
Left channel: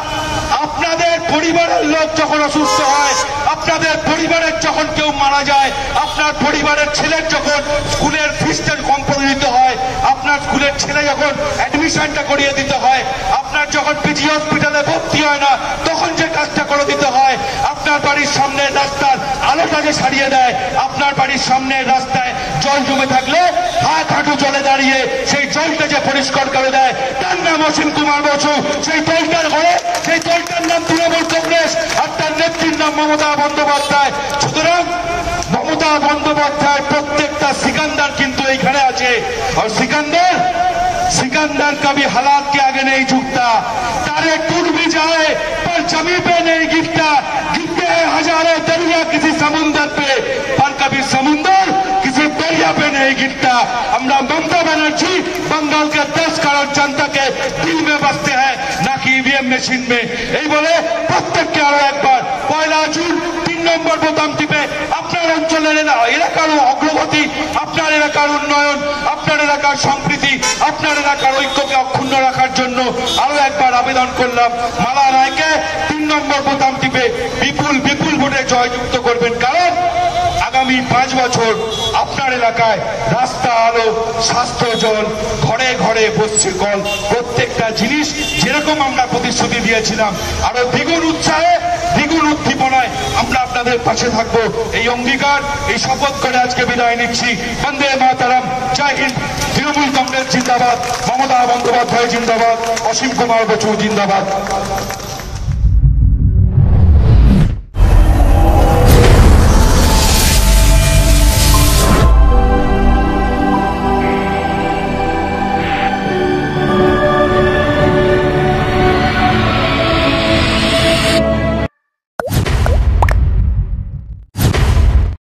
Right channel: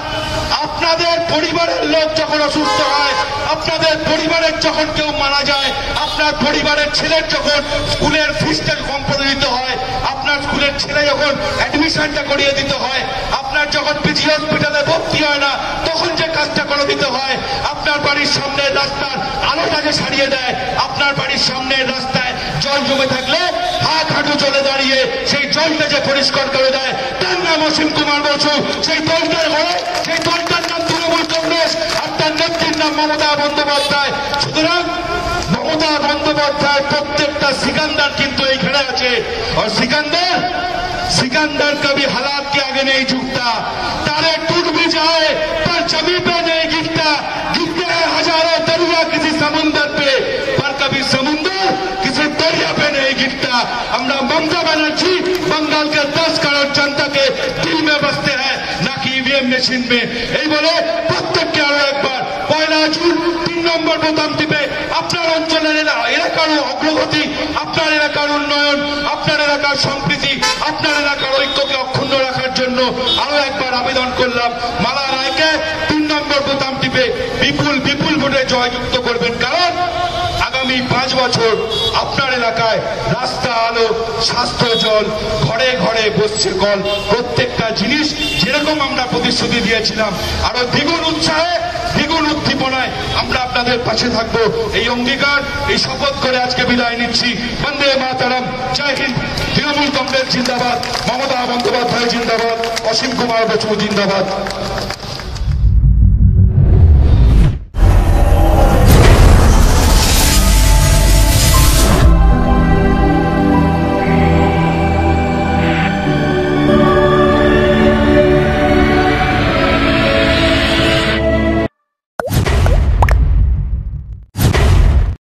আপনাদের পরিবারের লোক যখন অসুস্থ হয়, আপনাদের পরিবারের যখন কেউ মারা যায়, আপনার পরিবারের ছেলের যখন স্কুলের ফিসটা কম করে দিতে হয়, আপনার স্কুলের ছেলে যখন অ্যাডমিশনটা করিয়ে দিতে হয়, আপনার যখন পিজি হসপিটালে ভর্তি হয় না, তখন যে কাজটা করে দিতে হয়, আপনার বাড়ির সামনের রাস্তার আলোটাকে সারিয়ে দেয়, আপনার বাড়ির সামনের রাস্তায় জল জমে থাকলে হাত হাঁটু জলে দাঁড়িয়ে সেই জলকে যে পরিষ্কার করে দেয়, তার নাম অসীম কুমার বসু। সেই দলটার ঘরে, সেই দলটার নাম তৃণমূল কংগ্রেস, আর তার নেত্রীর নাম মমতা বন্দ্যোপাধ্যায়। সুতরাং মমতা বন্দ্যোপাধ্যায় প্রত্যেকটা सिकंदर কিন্তু এইখানে আছে। আর सिकंदर कभी हालात के आगे नहीं झुकता, तारे टूट भी जाए पर जमीन पे नहीं गिरता। गिरते हैं हजारों दरिया किसी समुंदर पे, पर कभी समुंदर किसी दरिया पे नहीं गिरता। আমরা মমতা ব্যানার্জি बंगाल के 10 करोड़ जनता के दिल में बसते हैं, ना कि ईवीएम मशीन में। এই বলে প্রত্যেককে আরো একবার 1 জুন 3 নম্বর বোতাম টিপে আপনার অঞ্চলের এলাকার অগ্রগতি, আপনার এলাকার উন্নয়ন, আপনার এলাকার সম্প্রীতি, আপনার এলাকার ঐক্যকে অক্ষুণ্ণ রাখার জন্য আরো একবার আবেদন করলাম। মালা রায়কে 3 নম্বর বোতাম টিপে বিপুল ভোটে জয়যুক্ত করবেন, কারণ আগামী 5 বছর আপনার এলাকায় রাস্তা, আলো, স্বাস্থ্য, জল, ঘরে ঘরে বসছে কল, প্রত্যেকটা জিনিস যেরকম আমরা প্রতিশ্রুতি দিয়েছিলাম আরো দ্বিগুণ উৎসাহে, দ্বিগুণ উদ্দীপনায় আমরা আপনাদের পাশে থাকবো। এই অঙ্গীকার, এই শপথ করে আজকে বিদায় নিচ্ছি। বন্দে মাতরম, জয় হিন্দ। তৃণমূল কংগ্রেস জিন্দাবাদ, মমতা বন্দ্যোপাধ্যায় জিন্দাবাদ, অসীম কুমার বসু জিন্দাবাদ।